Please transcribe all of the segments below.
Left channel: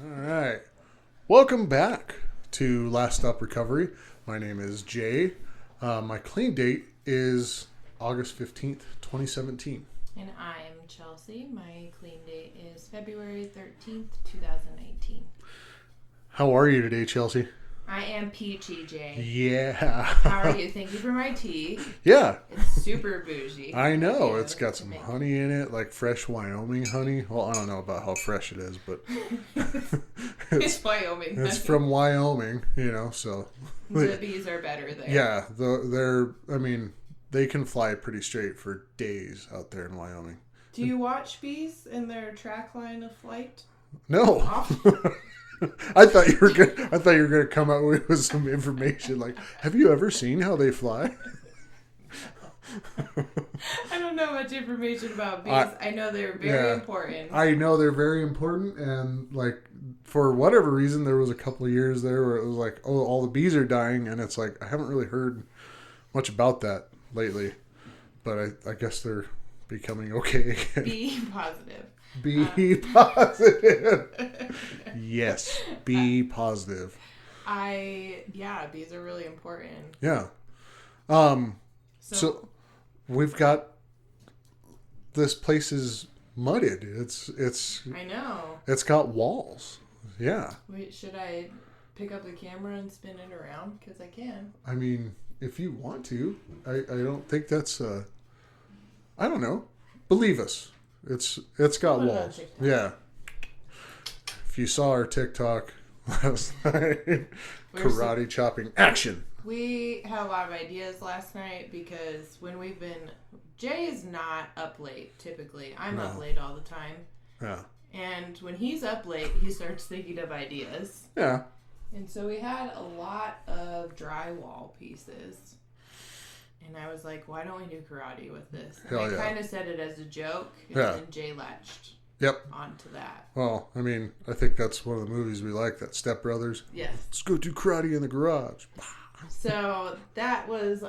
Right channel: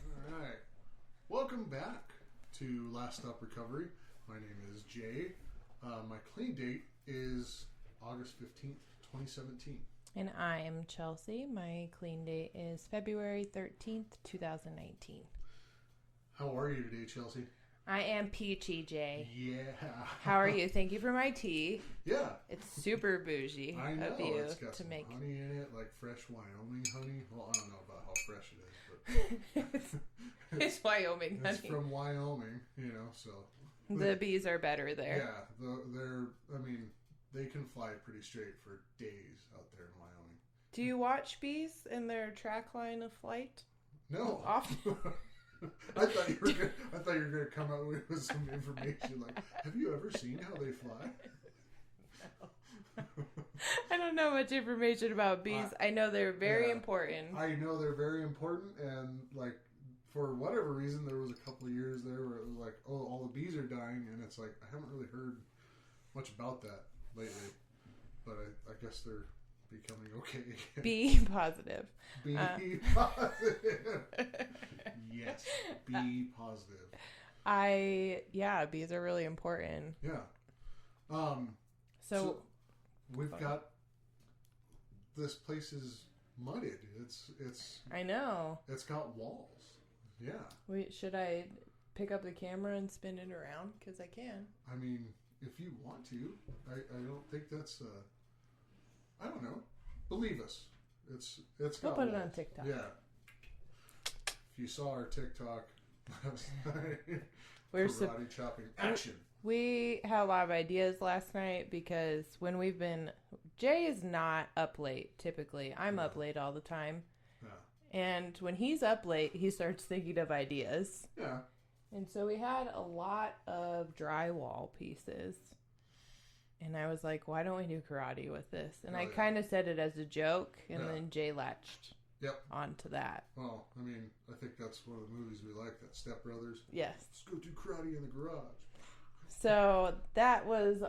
All right. Welcome back to Last Stop Recovery. My name is Jay. My clean date is August 15th, 2017. And I'm Chelsea. My clean date is February 13th, 2019. How are you today, Chelsea? I am peachy, Jay. Yeah. How are you? Thank you for my tea. Yeah. It's super bougie. I know. of you It's got to some make- honey in it, like fresh Wyoming honey. Well, I don't know about how fresh it is, but It's Wyoming. it's honey. from Wyoming, so. The bees are better there. Yeah, they can fly pretty straight for days out there in Wyoming. Do you watch bees in their track line of flight? No. Off? I thought you were gonna come out with some information like, have you ever seen how they fly? I don't know much information about bees. I know they're very Yeah. important. I know they're very important, and like for whatever reason, there was a couple of years there where it was like, oh, all the bees are dying, and it's like I haven't really heard much about that lately, but I guess they're becoming okay again. Bee positive. Be positive. Yes, be positive. Bees are really important. Yeah. So So we've got this place is mudded. I know. It's got walls. Yeah. Should I pick up the camera and spin it around? Because I can. I mean, if you want to, I don't think that's I don't know. Believe us. It's got Put it on walls. TikTok. Yeah. If you saw our TikTok last night, karate chopping action. We had a lot of ideas last night because Jay is not up late typically. I'm up No. late all the time. Yeah. And when he's up late, he starts thinking of ideas. Yeah. And so we had a lot of drywall pieces. And I was like, why don't we do karate with this? And Hell I yeah. kind of said it as a joke. And Yeah. then Jay latched Yep. onto that. Well, I mean, I think that's one of the movies we like, that Step Brothers. Yes. Let's go do karate in the garage. So that was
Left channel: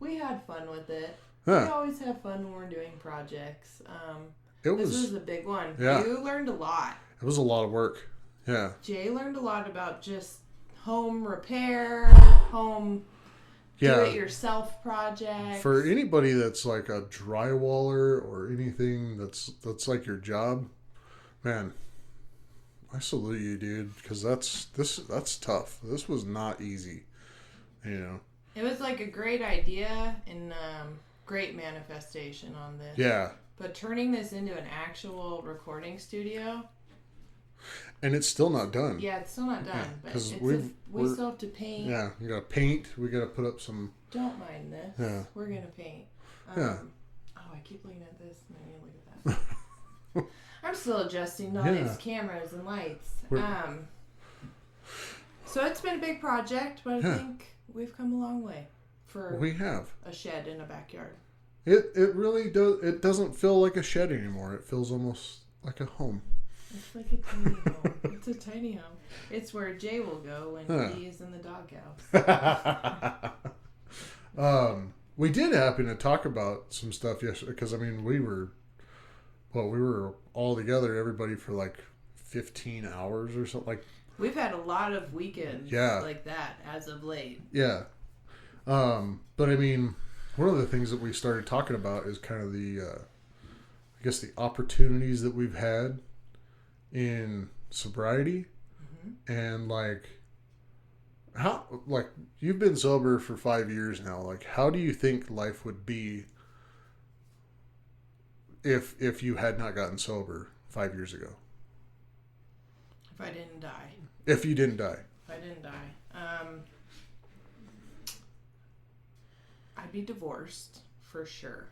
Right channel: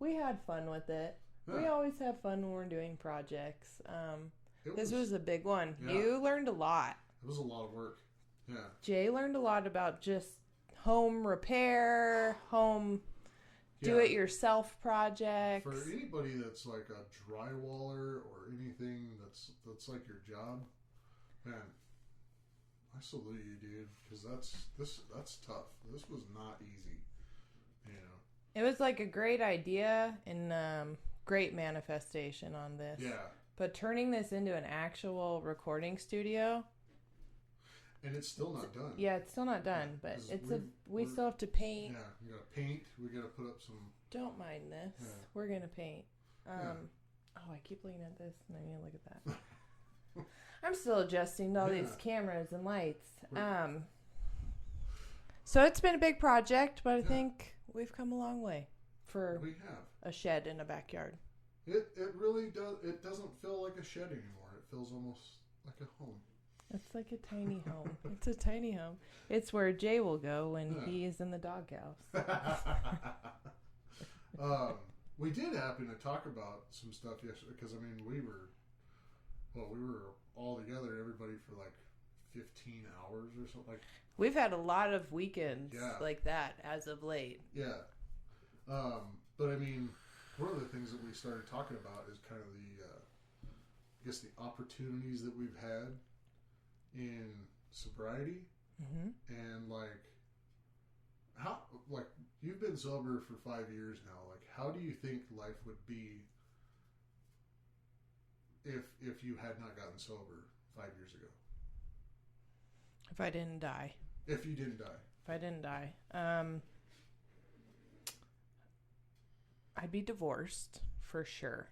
we had fun with it. We Yeah. always have fun when we're doing projects. It This was was a big one. Yeah. You learned a lot. it was a lot of work. Yeah. Jay learned a lot about just home repair, home Yeah. do-it-yourself projects. For anybody that's like a drywaller or anything that's like your job, man, I salute you, dude, because that's tough. This was not easy, It was like a great idea and great manifestation on this. Yeah, But turning this into an actual recording studio, and it's still not done. yeah, it's still not done. Yeah, But 'cause we we're- still have to paint. Yeah, we gotta paint. We gotta put up some. Don't mind this. Yeah. We're gonna paint. Yeah. Oh, I keep looking at this and I need to look at that. I'm still adjusting to all Yeah. these cameras and lights. We're- So it's been a big project, but I Yeah. think we've come a long way for We have. a shed in a backyard. It really does. It doesn't feel like a shed anymore. It feels almost like a home. It's like a tiny home. It's a tiny home. It's where Jay will go when Huh. he is in the doghouse. We did happen to talk about some stuff yesterday because I mean we were all together, everybody for like 15 hours or something. Like, We've had a lot of weekends Yeah. like that as of late. yeah. But I mean, one of the things that we started talking about is kind of the I guess the opportunities that we've had in sobriety, and like how, like, you've been sober for 5 years now. Like, how do you think life would be if you had not gotten sober 5 years ago? If I didn't die. If you didn't die. If I didn't die. I'd be divorced for sure.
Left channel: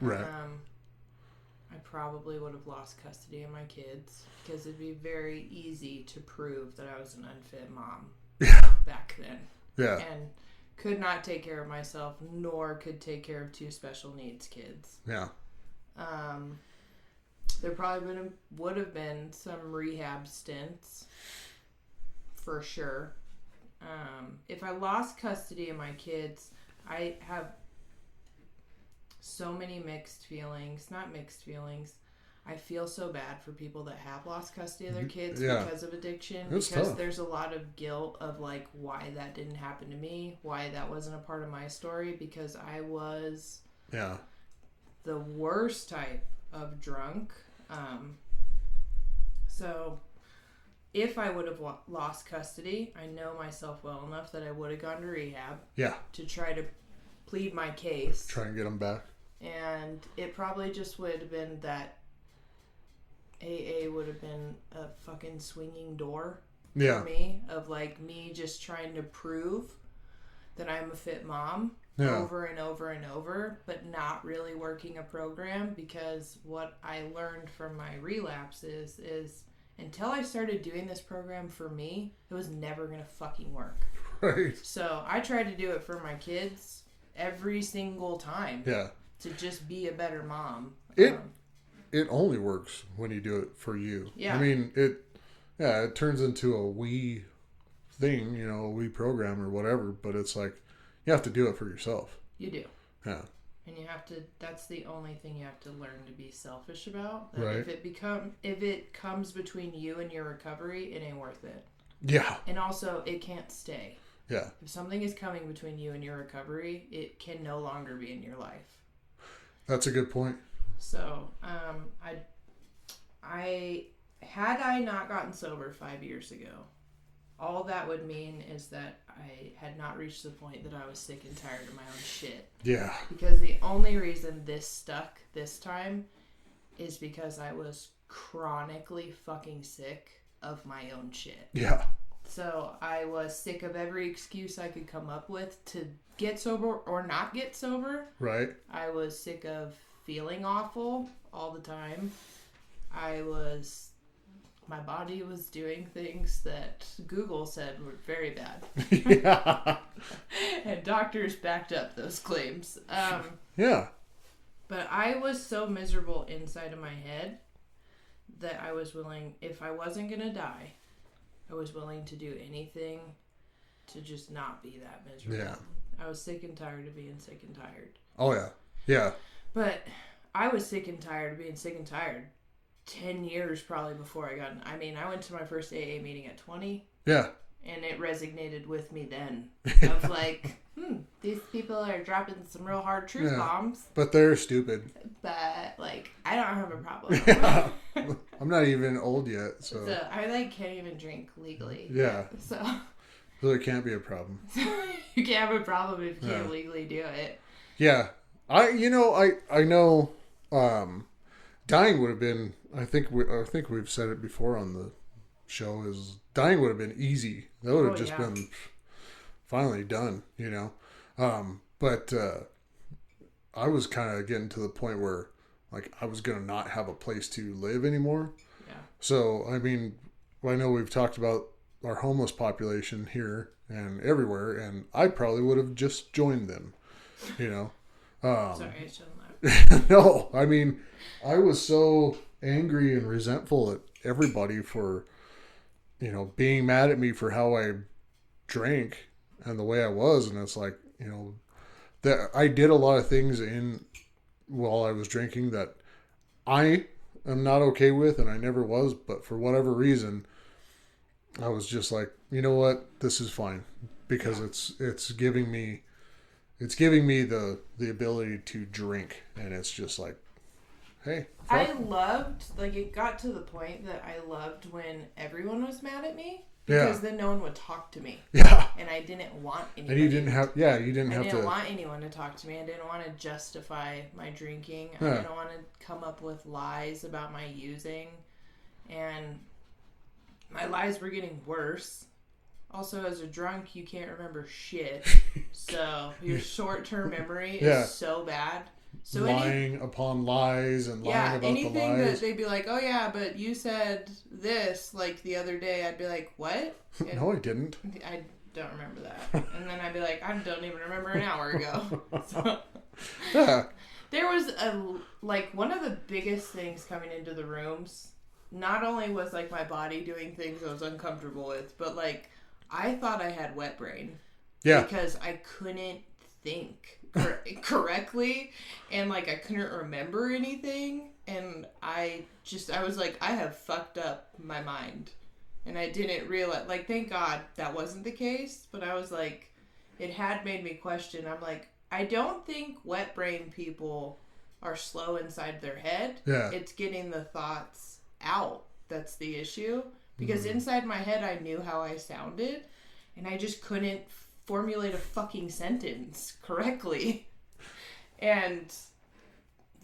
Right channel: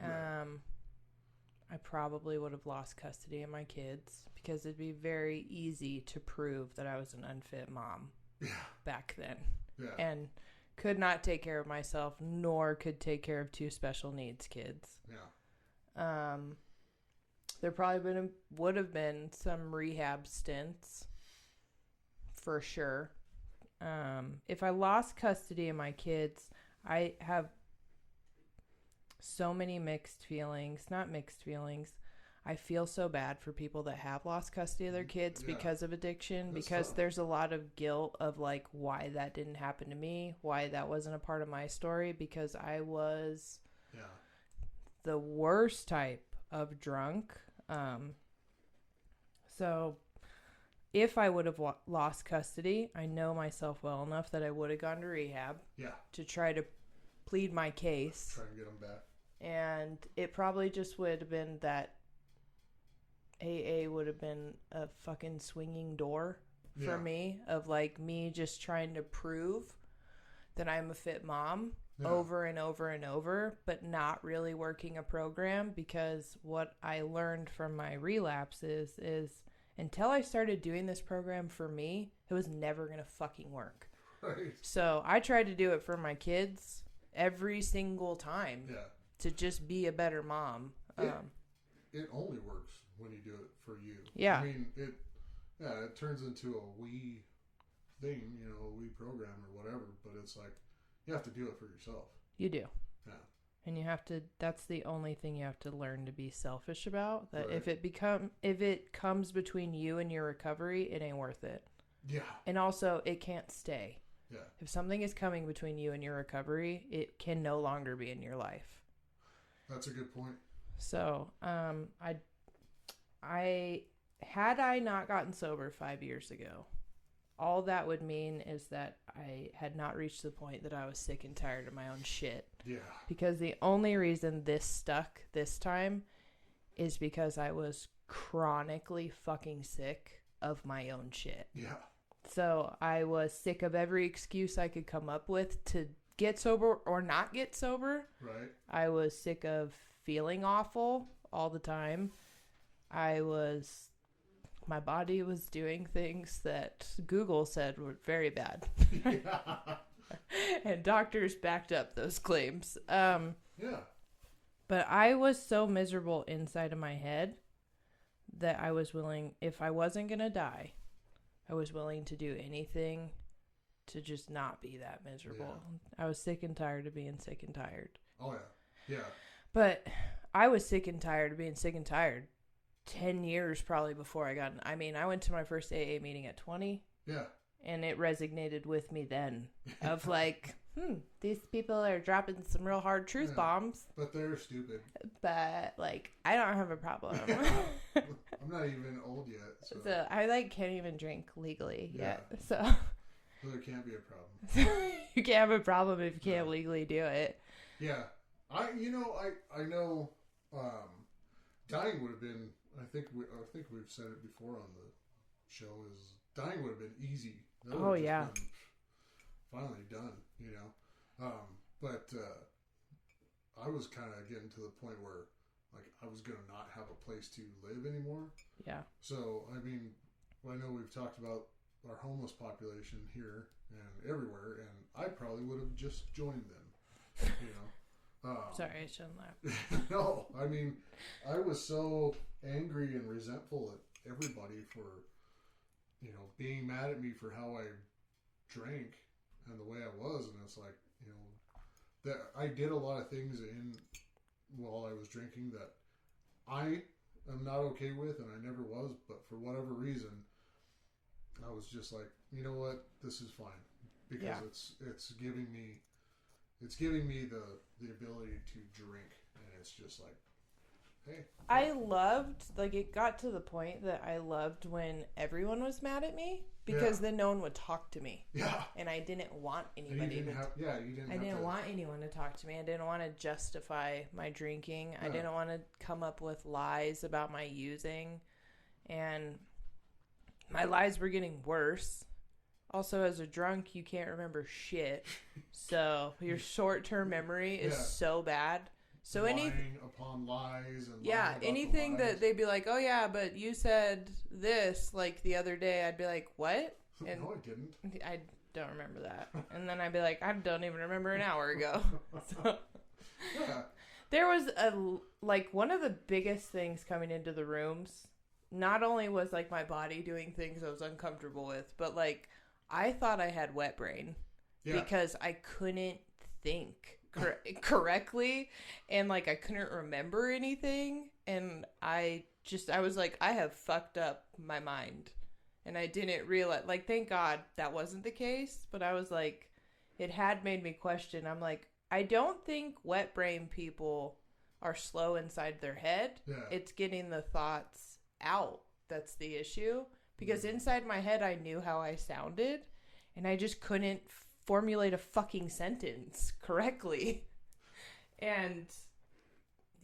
Right. I probably would have lost custody of my kids because it'd be very easy to prove that I was an unfit mom Yeah. back then Yeah. and could not take care of myself nor could take care of two special needs kids. Yeah. There probably would have been some rehab stints for sure. If I lost custody of my kids, I have so many mixed feelings. Not mixed feelings. I feel so bad for people that have lost custody of their kids Yeah. because of addiction. It's because tough. there's a lot of guilt of like why that didn't happen to me, why that wasn't a part of my story, because I was Yeah. the worst type of drunk. So if I would have lost custody, I know myself well enough that I would have gone to rehab Yeah. to try to plead my case. Try and get them back. And it probably just would have been that AA would have been a fucking swinging door Yeah. for me, of like me just trying to prove that I'm a fit mom Yeah. over and over and over, but not really working a program, because what I learned from my relapses is until I started doing this program for me, it was never going to fucking work. Right. So I tried to do it for my kids every single time Yeah. to just be a better mom. It only works when you do it for you. Yeah. I mean, it turns into a we thing, a we program or whatever, but it's like you have to do it for yourself. You do. Yeah. And you have to, that's the only thing you have to learn to be selfish about. That Right. if it comes between you and your recovery, it ain't worth it. Yeah. And also, it can't stay. Yeah. If something is coming between you and your recovery, it can no longer be in your life. That's a good point. So, I had I not gotten sober 5 years ago, all that would mean is that I had not reached the point that I was sick and tired of my own shit. Yeah. Because the only reason this stuck this time is because I was chronically fucking sick of my own shit. Yeah. So I was sick of every excuse I could come up with to get sober or not get sober. Right. I was sick of feeling awful all the time. My body was doing things that Google said were very bad. Yeah. And doctors backed up those claims. Yeah. But I was so miserable inside of my head that I was willing, if I wasn't going to die, I was willing to do anything to just not be that miserable. Yeah. I was sick and tired of being sick and tired. Oh, yeah. Yeah. But I was sick and tired of being sick and tired 10 years probably before I went to my first AA meeting at 20. Yeah. And it resonated with me then. Of like, these people are dropping some real hard truth bombs. But they're stupid. But, like, I don't have a problem. Yeah. I'm not even old yet, so I, can't even drink legally. Yeah. Yet, so it can't be a problem. you can't have a problem if you can't legally do it. Yeah. I know dying would have been, I think we've said it before on the show, is dying would have been easy. That would have just been finally done, But I was kind of getting to the point where, like, I was going to not have a place to live anymore. Yeah. So, I mean, I know we've talked about our homeless population here and everywhere, and I probably would have just joined them, Sorry, I shouldn't laugh. No, I mean, I was so angry and resentful at everybody for, being mad at me for how I drank and the way I was. And it's like, that I did a lot of things while I was drinking that I am not okay with, and I never was, but for whatever reason, I was just like, you know what, this is fine, because it's giving me the ability to drink, and it's just like, hey. I loved, it got to the point that I loved when everyone was mad at me, because then no one would talk to me. Yeah. And I didn't want anybody. And you didn't have I didn't to want anyone to talk to me. I didn't want to justify my drinking. I didn't want to come up with lies about my using. And my lies were getting worse. Also, as a drunk, you can't remember shit. So your short-term memory is so bad. So lying upon lies and lying about anything the lies. that they'd be like, oh yeah, but you said this the other day, I'd be like, what? And no, I didn't. I don't remember that. And then I'd be like, I don't even remember an hour ago. So, there was one of the biggest things coming into the rooms. Not only was my body doing things I was uncomfortable with, but I thought I had wet brain. Yeah. Because I couldn't think correctly, and I couldn't remember anything. And I was like, I have fucked up my mind. And I didn't realize, like, thank God that wasn't the case. But I was like, it had made me question. I'm like, I don't think wet brain people are slow inside their head. Yeah. It's getting the thoughts out that's the issue. Because inside my head, I knew how I sounded. And I just couldn't formulate a fucking sentence correctly. And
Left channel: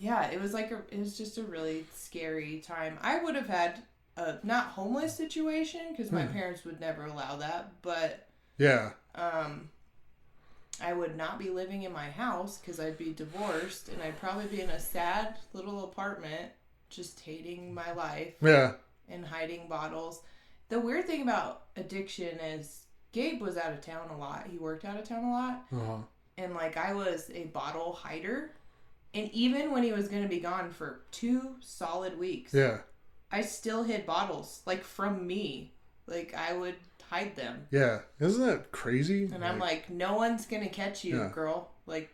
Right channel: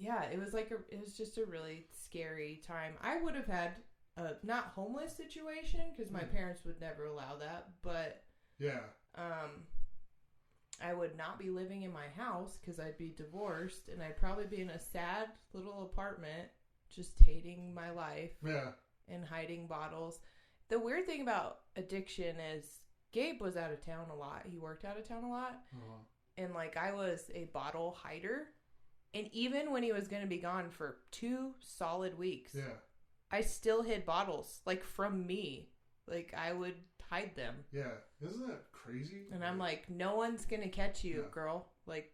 yeah, it was like it was just a really scary time. I would have had a not homeless situation because my parents would never allow that, but yeah, I would not be living in my house because I'd be divorced and I'd probably be in a sad little apartment, just hating my life. Yeah, and hiding bottles. The weird thing about addiction is Gabe was out of town a lot. He worked out of town a lot. And like I was a bottle hider. And even when he was going to be gone for 2 solid weeks, yeah, I still hid bottles like from me. Like I would hide them. Yeah. Isn't that crazy? And I'm like, no one's going to catch you, girl. Like,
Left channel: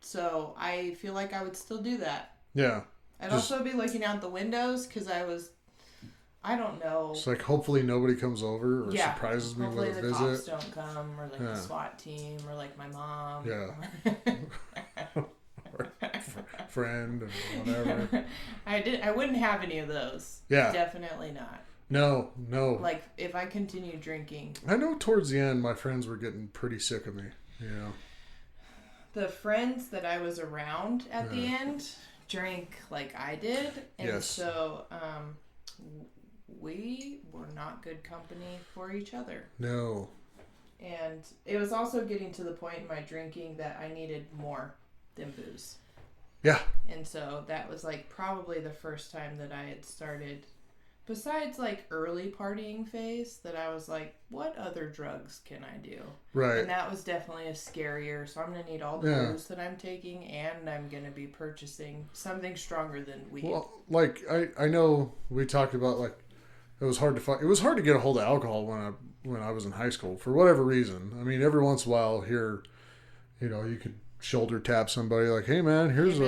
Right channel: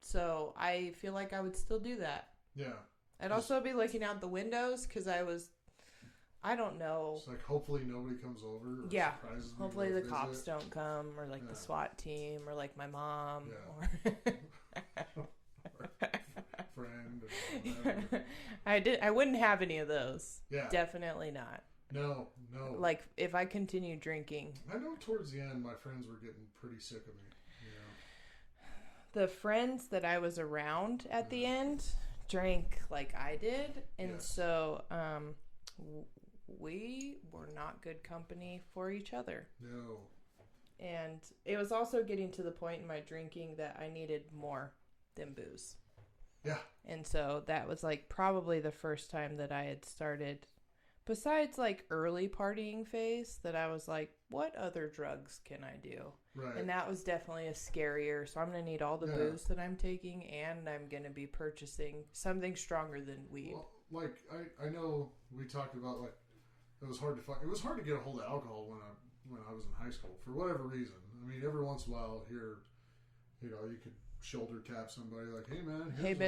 so I feel like I would still do that. Yeah. I'd also be looking out the windows because I don't know. It's like hopefully nobody comes over or surprises me with a visit. Hopefully the cops don't come or like the SWAT team or like my mom. Yeah. Or friend and whatever. I wouldn't have any of those. Yeah. Definitely not. No. Like if I continued drinking. I know towards the end my friends were getting pretty sick of me, you know. The friends that I was around at the end drank like I did. And so we were not good company for each other. No. And it was also getting to the point in my drinking that I needed more than booze. Yeah. And so that was like probably the first time that I had started, besides like early partying phase, that I was like, what other drugs can I do? Right. And that was definitely a scarier. So I'm going to need all the booze that I'm taking, and I'm going to be purchasing something stronger than weed. Well, like I know we talked about like it was hard to find. It was hard to get a hold of alcohol when I was in high school for whatever reason. I mean, every once in a while here, you know, you could shoulder tap somebody like, "Hey man, here's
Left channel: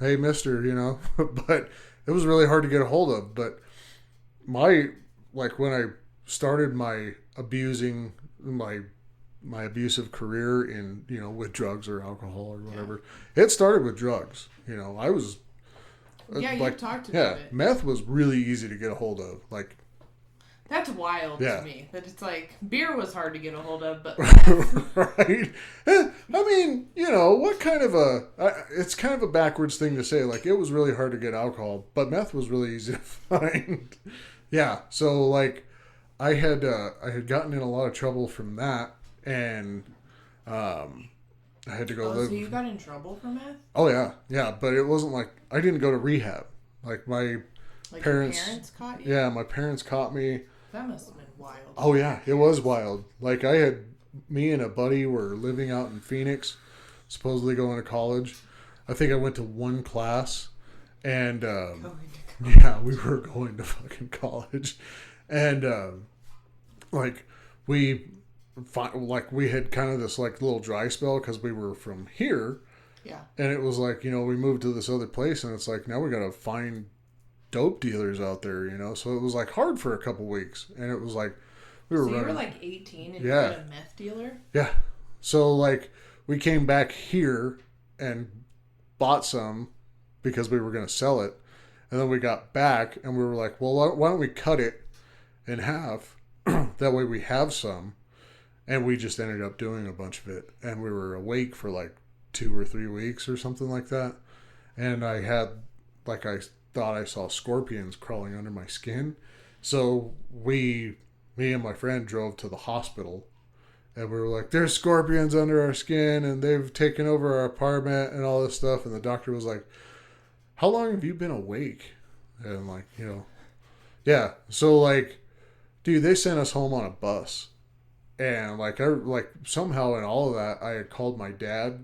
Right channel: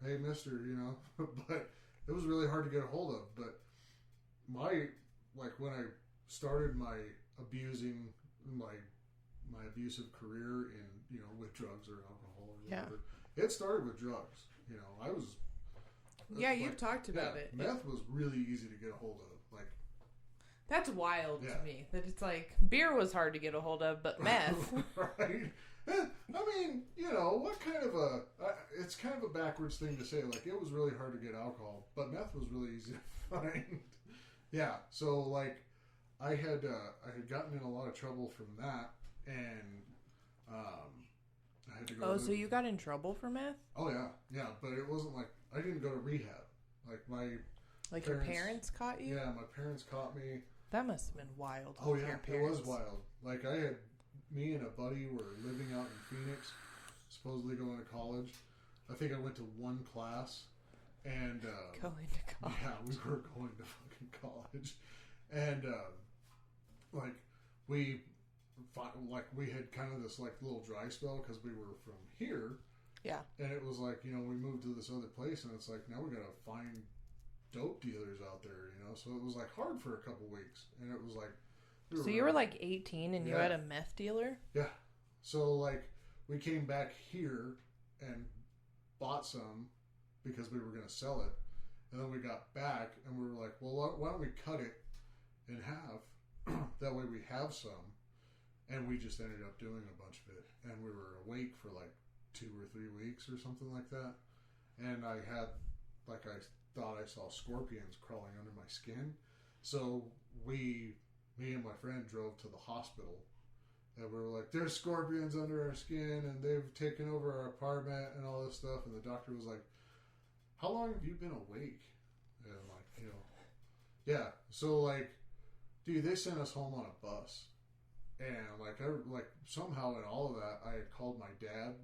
hey mister," you know. But it was really hard to get a hold of. But when I started my abusive career in, you know, with drugs or alcohol or whatever, it started with drugs. You know, I was you talked about it. Meth was really easy to get a hold of. Like, that's wild to me. That it's like beer was hard to get a hold of, but right. I mean, you know, what kind of it's kind of a backwards thing to say. Like, it was really hard to get alcohol, but meth was really easy to find. Yeah. So like, I had gotten in a lot of trouble from that, and I had to go live. So you got in trouble for meth? Oh yeah. But it wasn't like I didn't go to rehab. Like my parents. Your parents caught you? Yeah, my parents caught me. That must have been wild. Oh yeah, it was wild. Like me and a buddy were living out in Phoenix, supposedly going to college. I think I went to one class, and yeah, we were going to fucking college, and we had kind of this like little dry spell because we were from here. Yeah. And it was like, you know, we moved to this other place, and it's like now we gotta find dope dealers out there, you know. So it was like hard for a couple weeks, and it was like you were like 18 and you had a meth dealer? Yeah. So like we came back here and bought some because we were going to sell it, and then we got back and we were like, well, why don't we cut it in half? That way we have some. And we just ended up doing a bunch of it, and we were awake for like 2 or 3 weeks or something like that. And I had like I thought I saw scorpions crawling under my skin. So me and my friend drove to the hospital, and we were like, there's scorpions under our skin and they've taken over our apartment and all this stuff. And the doctor was like, how long have you been awake? And like, you know, yeah. So like, dude, they sent us home on a bus, and like somehow in all of that, I had called my dad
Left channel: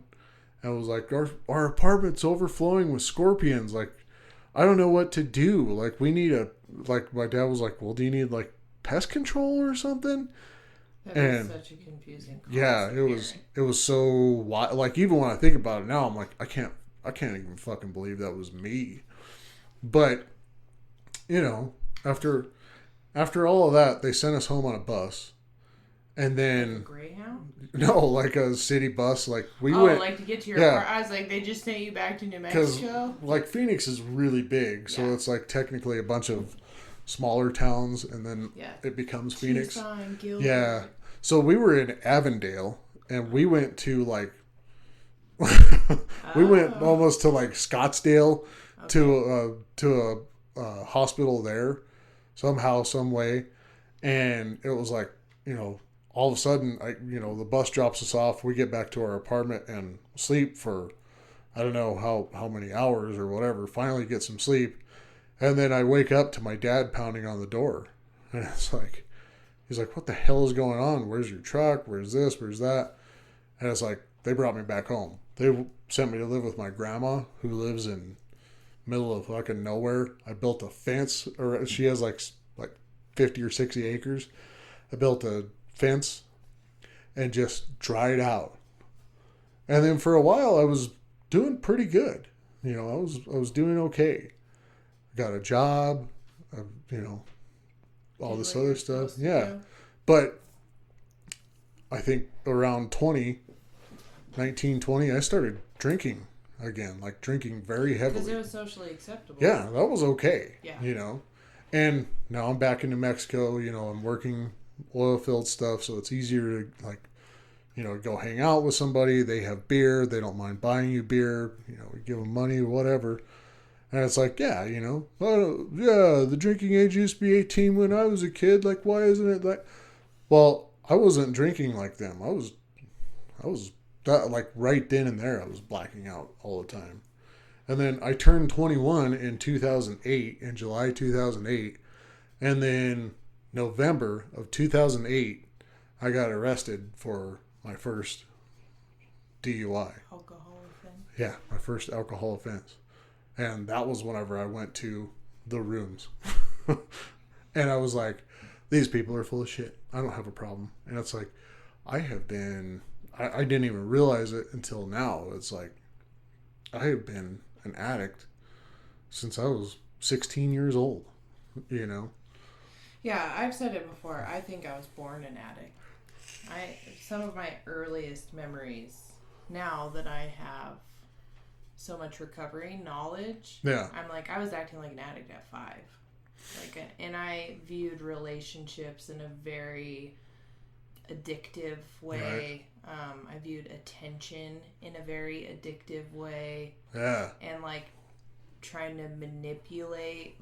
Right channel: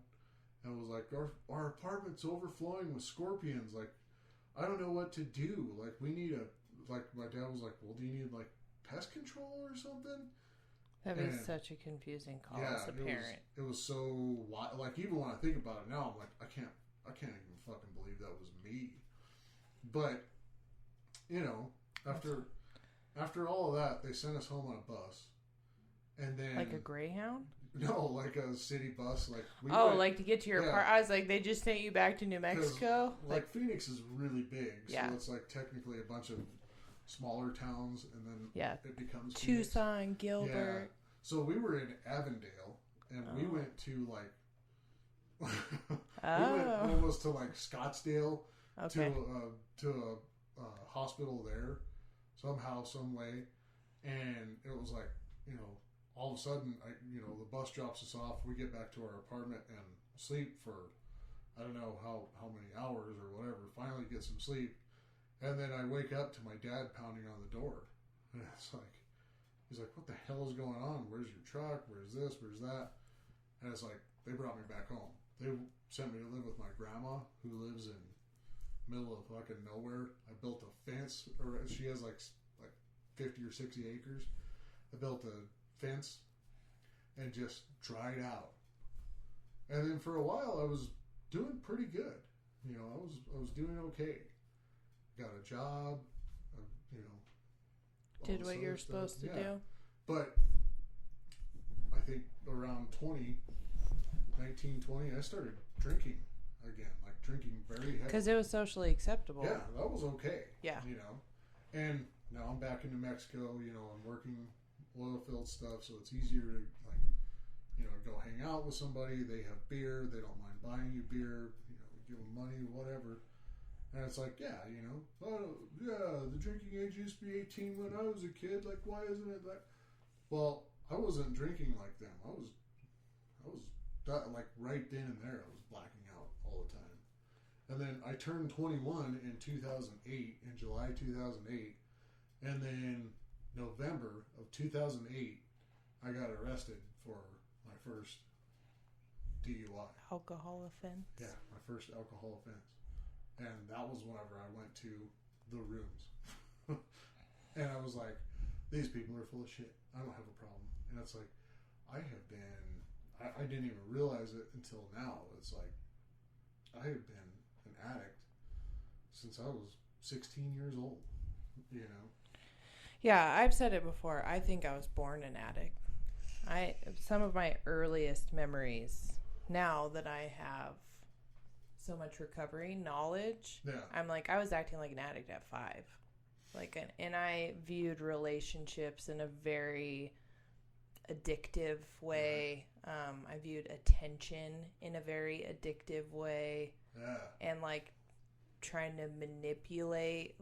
and was like, our apartment's overflowing with scorpions. Like, I don't know what to do. Like, we need my dad was like, well, do you need like pest control or something? That was such a confusing call. Yeah, it was so wild. Like, even when I think about it now, I'm like, I I can't even fucking believe that was me. But, you know, after all of that, they sent us home on a bus. And then... Like a Greyhound? No, like a city bus. Like, we went... like to get to your car. I was like, they just sent you back to New Mexico? Like, Phoenix is really big. So it's like technically a bunch of smaller towns. And then it becomes Phoenix. Tucson, Gilbert. Yeah. So we were in Avondale. And we went to like... we went almost to like Scottsdale. Okay. To a hospital there. Somehow, some way. And it was like, you know... All of a sudden, the bus drops us off. We get back to our apartment and sleep for, I don't know how many hours or whatever. Finally get some sleep. And then I wake up to my dad pounding on the door. And it's like, he's like, what the hell is going on? Where's your truck? Where's this? Where's that? And it's like, they brought me back home. They sent me to live with my grandma who lives in middle of fucking nowhere. I built a fence, or she has like 50 or 60 acres. I built a fence and just dried out. And then for a while I was doing pretty good. You know, I was doing okay. Got a job, all this other stuff. Yeah. But I think around 19, 20, I started drinking again, like drinking very heavily. Because it was socially acceptable. Yeah, that was okay. Yeah. You know. And now I'm back in New Mexico, I'm working oil field stuff, so it's easier to go hang out with somebody. They have beer, they don't mind buying you beer, we give them money, whatever. And it's like, the drinking age used to be 18 when I was a kid, like, why isn't it like... Well, I wasn't drinking like them. I was like right then and there I was blacking out all the time. And then I turned 21 in 2008, in July 2008, and then November of 2008, I got arrested for my first DUI. Alcohol offense? Yeah, my first alcohol offense. And that was whenever I went to the rooms. And I was like, these people are full of shit. I don't have a problem. And it's like, I didn't even realize it until now. It's like, I have been an addict since I was 16 years old, Yeah, I've said it before. I think I was born an addict. Some of my earliest memories, now that I have so much recovery knowledge, I'm like, I was acting like an addict at 5. And I viewed relationships in a very addictive way. Right. I viewed attention in a very addictive way. Yeah. And trying to manipulate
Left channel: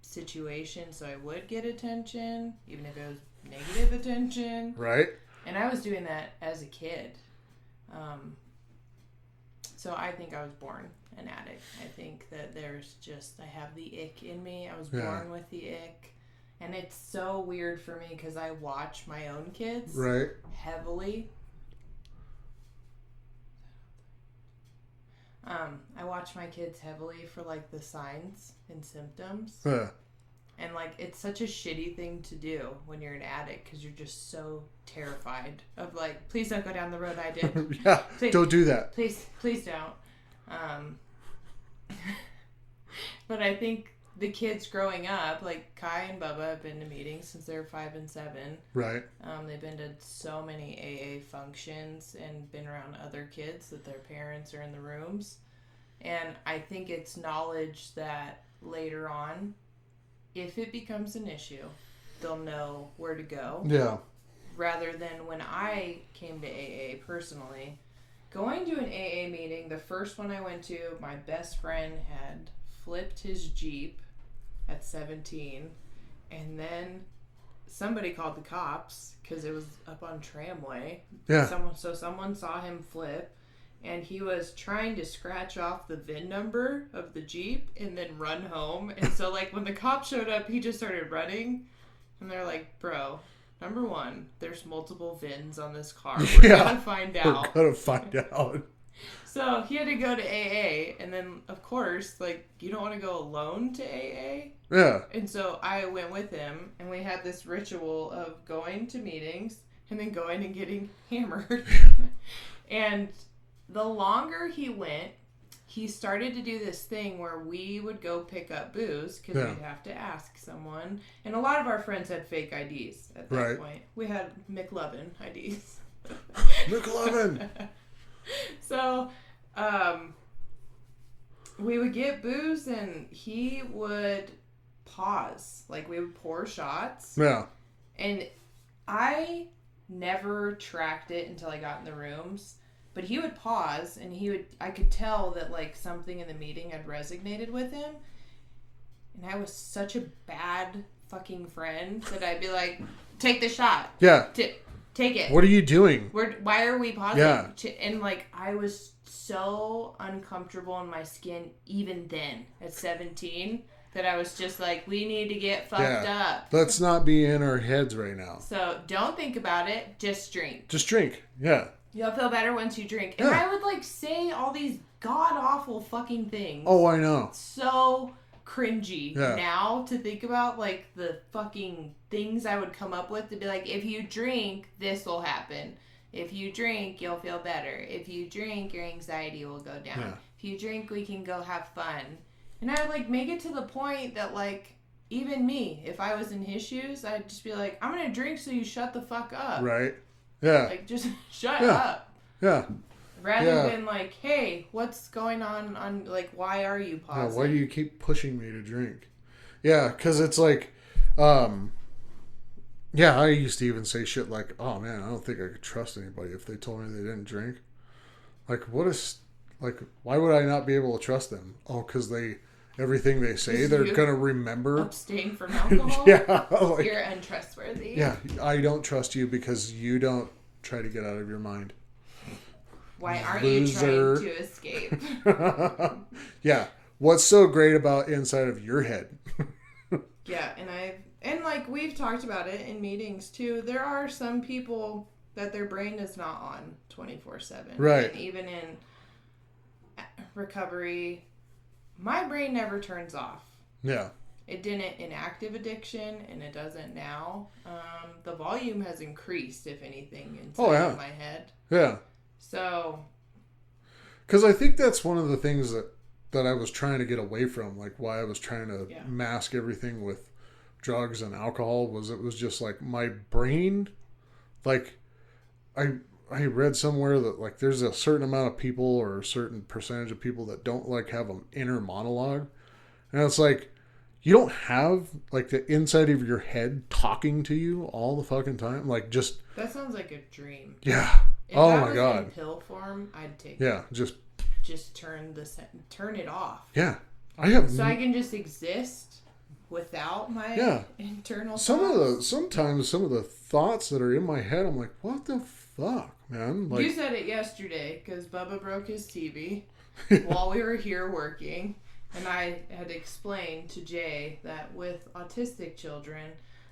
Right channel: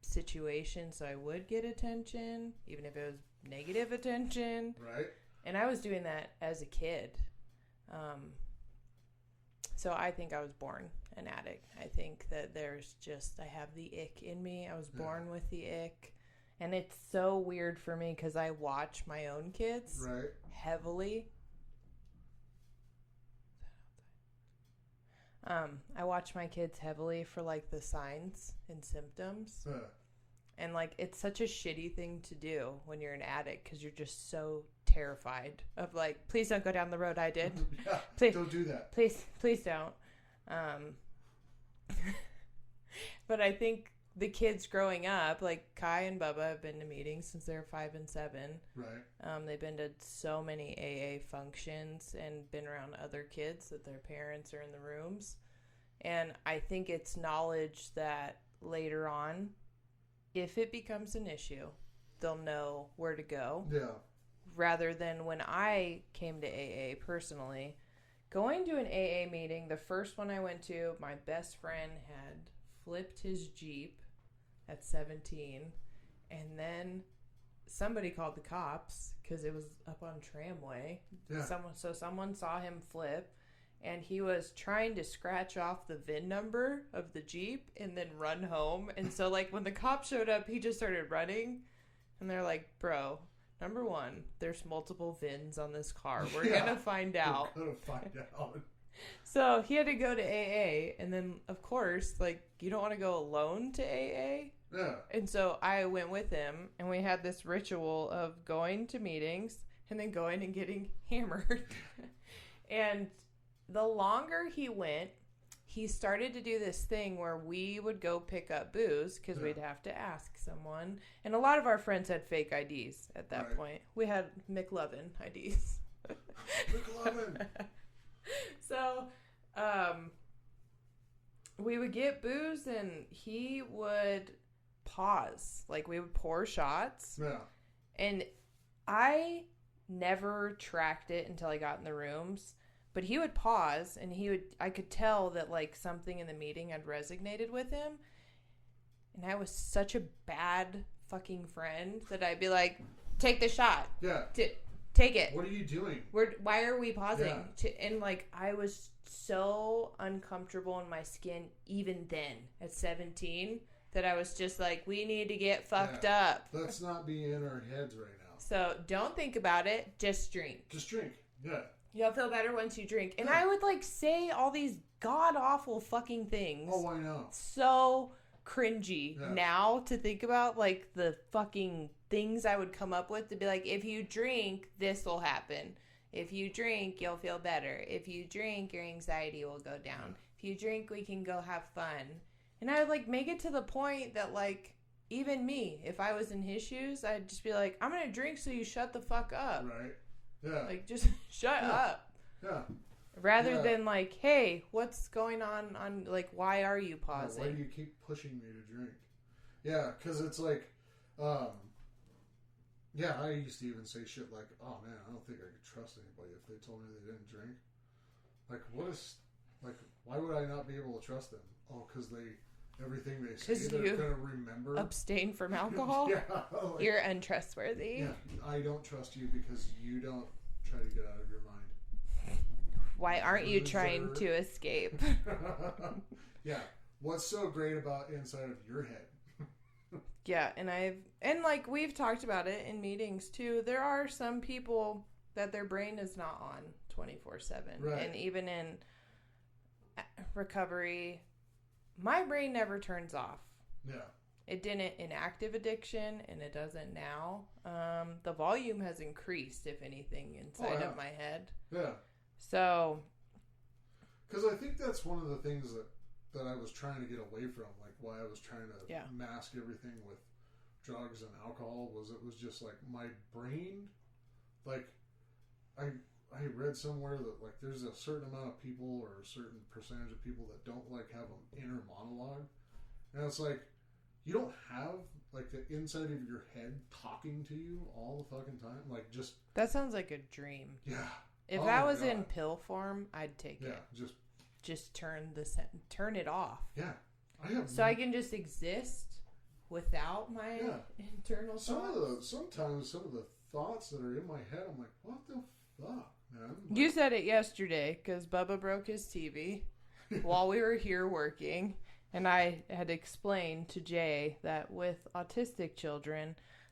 situations so I would get attention, even if it was negative attention. Right. And I was doing that as a kid. So I think I was born an addict. I think that I have the ick in me. I was born with the ick. And it's so weird for me because I watch my own kids heavily. I watch my kids heavily for the signs and symptoms. Yeah. And it's such a shitty thing to do when you're an addict because you're just so terrified of please don't go down the road I did. Yeah, please, don't do that. Please don't. But I think the kids growing up, Kai and Bubba have been to meetings since they're 5 and 7. Right. They've been to so many AA functions and been around other kids that their parents are in the rooms. And I think it's knowledge that later on, if it becomes an issue, they'll know where to go. Yeah. Rather than when I came to AA personally, going to an AA meeting, the first one I went to, my best friend had flipped his Jeep at 17, and then somebody called the cops because it was up on Tramway. Yeah. Someone saw him flip, and he was trying to scratch off the VIN number of the Jeep and then run home. And so when the cops showed up, he just started running, and they're like, bro, number one, there's multiple VINs on this car. We're gonna find out. We're gonna find out. So he had to go to AA, and then of course, you don't want to go alone to AA. Yeah. And so I went with him, and we had this ritual of going to meetings and then going and getting hammered. And the longer he went, he started to do this thing where we would go pick up booze because we'd have to ask someone. And a lot of our friends had fake IDs at that point. We had McLovin IDs. McLovin! So, we would get booze and he would pause. Like, we would pour shots. Yeah. And I never tracked it until I got in the rooms. But he would pause, and I could tell that, like, something in the meeting had resonated with him. And I was such a bad fucking friend that I'd be like, take the shot. Yeah. Take it. What are you doing? Why are we pausing? Yeah. And, like, I was so uncomfortable in my skin even then at 17 that I was just like, we need to get fucked up. Let's not be in our heads right now. So don't think about it. Just drink. Just drink. Yeah. You'll feel better once you drink. And I would, like, say all these god-awful fucking things. Oh, I know. So cringy now to think about, like, the fucking things I would come up with to be like, if you drink, this will happen. If you drink, you'll feel better. If you drink, your anxiety will go down. Yeah. If you drink, we can go have fun. And I would, like, make it to the point that, like, even me, if I was in his shoes, I'd just be like, I'm going to drink so you shut the fuck up. Right. Yeah. Like, just shut up. Yeah. Rather than like, hey, what's going on, like, why are you pausing? Yeah, why do you keep pushing me to drink? Yeah, because it's like, I used to even say shit like, oh man, I don't think I could trust anybody if they told me they didn't drink. Like, why would I not be able to trust them? Oh, because everything they say, they're going to remember. Abstain from alcohol? Yeah. Like, you're untrustworthy. Yeah, I don't trust you because you don't try to get out of your mind. Why aren't you trying to escape? Yeah. What's so great about inside of your head? Yeah, and like we've talked about it in meetings too. There are some people that their brain is not on 24/7. Right. And even in recovery, my brain never turns off. Yeah. It didn't in active addiction, and it doesn't now. The volume has increased, if anything, inside of my head. Yeah. So. Because I think that's one of the things that I was trying to get away from, like why I was trying to mask everything with drugs and alcohol, it was just like my brain, like I read somewhere that like there's a certain amount of people or a certain percentage of people that don't like have an inner monologue, and it's like you don't have like the inside of your head talking to you all the fucking time, like just that sounds like a dream. Yeah. If oh that my was god. In pill form, I'd take it. Just turn it off. Yeah. I can just exist without my internal thoughts. Sometimes some of the thoughts that are in my head, I'm like, what the fuck, man? Like, you said it yesterday because Bubba broke his TV while we were here working, and I had explained to Jay that with autistic children,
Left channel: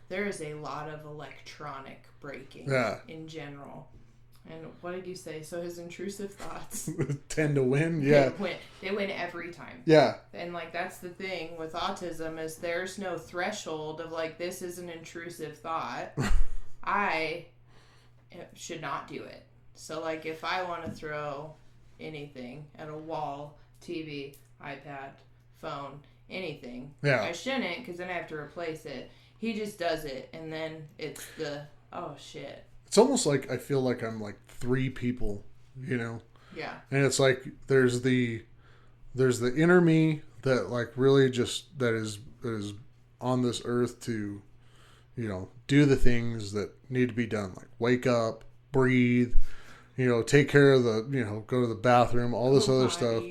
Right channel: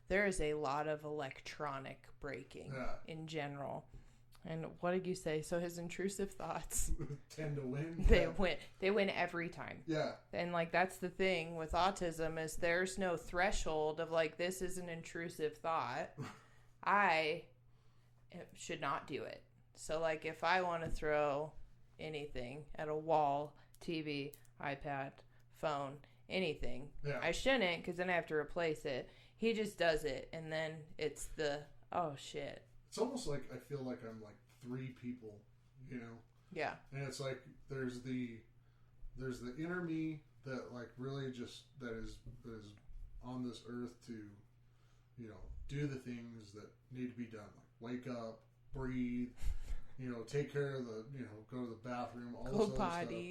there is a lot of electronic breaking in general. And what did you say? So his intrusive thoughts tend to win. Yeah. They win every time. Yeah. And like that's the thing with autism is there's no threshold of like this is an intrusive thought. I should not do it. So like if I want to throw anything at a wall, TV, iPad, phone, anything, I shouldn't because then I have to replace it. He just does it and then it's oh shit. It's almost like I feel like I'm like three people, you know? Yeah. And it's like there's the inner me that like really just that is on this earth to, you know, do the things that need to be done, like wake up, breathe, you know, take care of go to the bathroom, all this other stuff.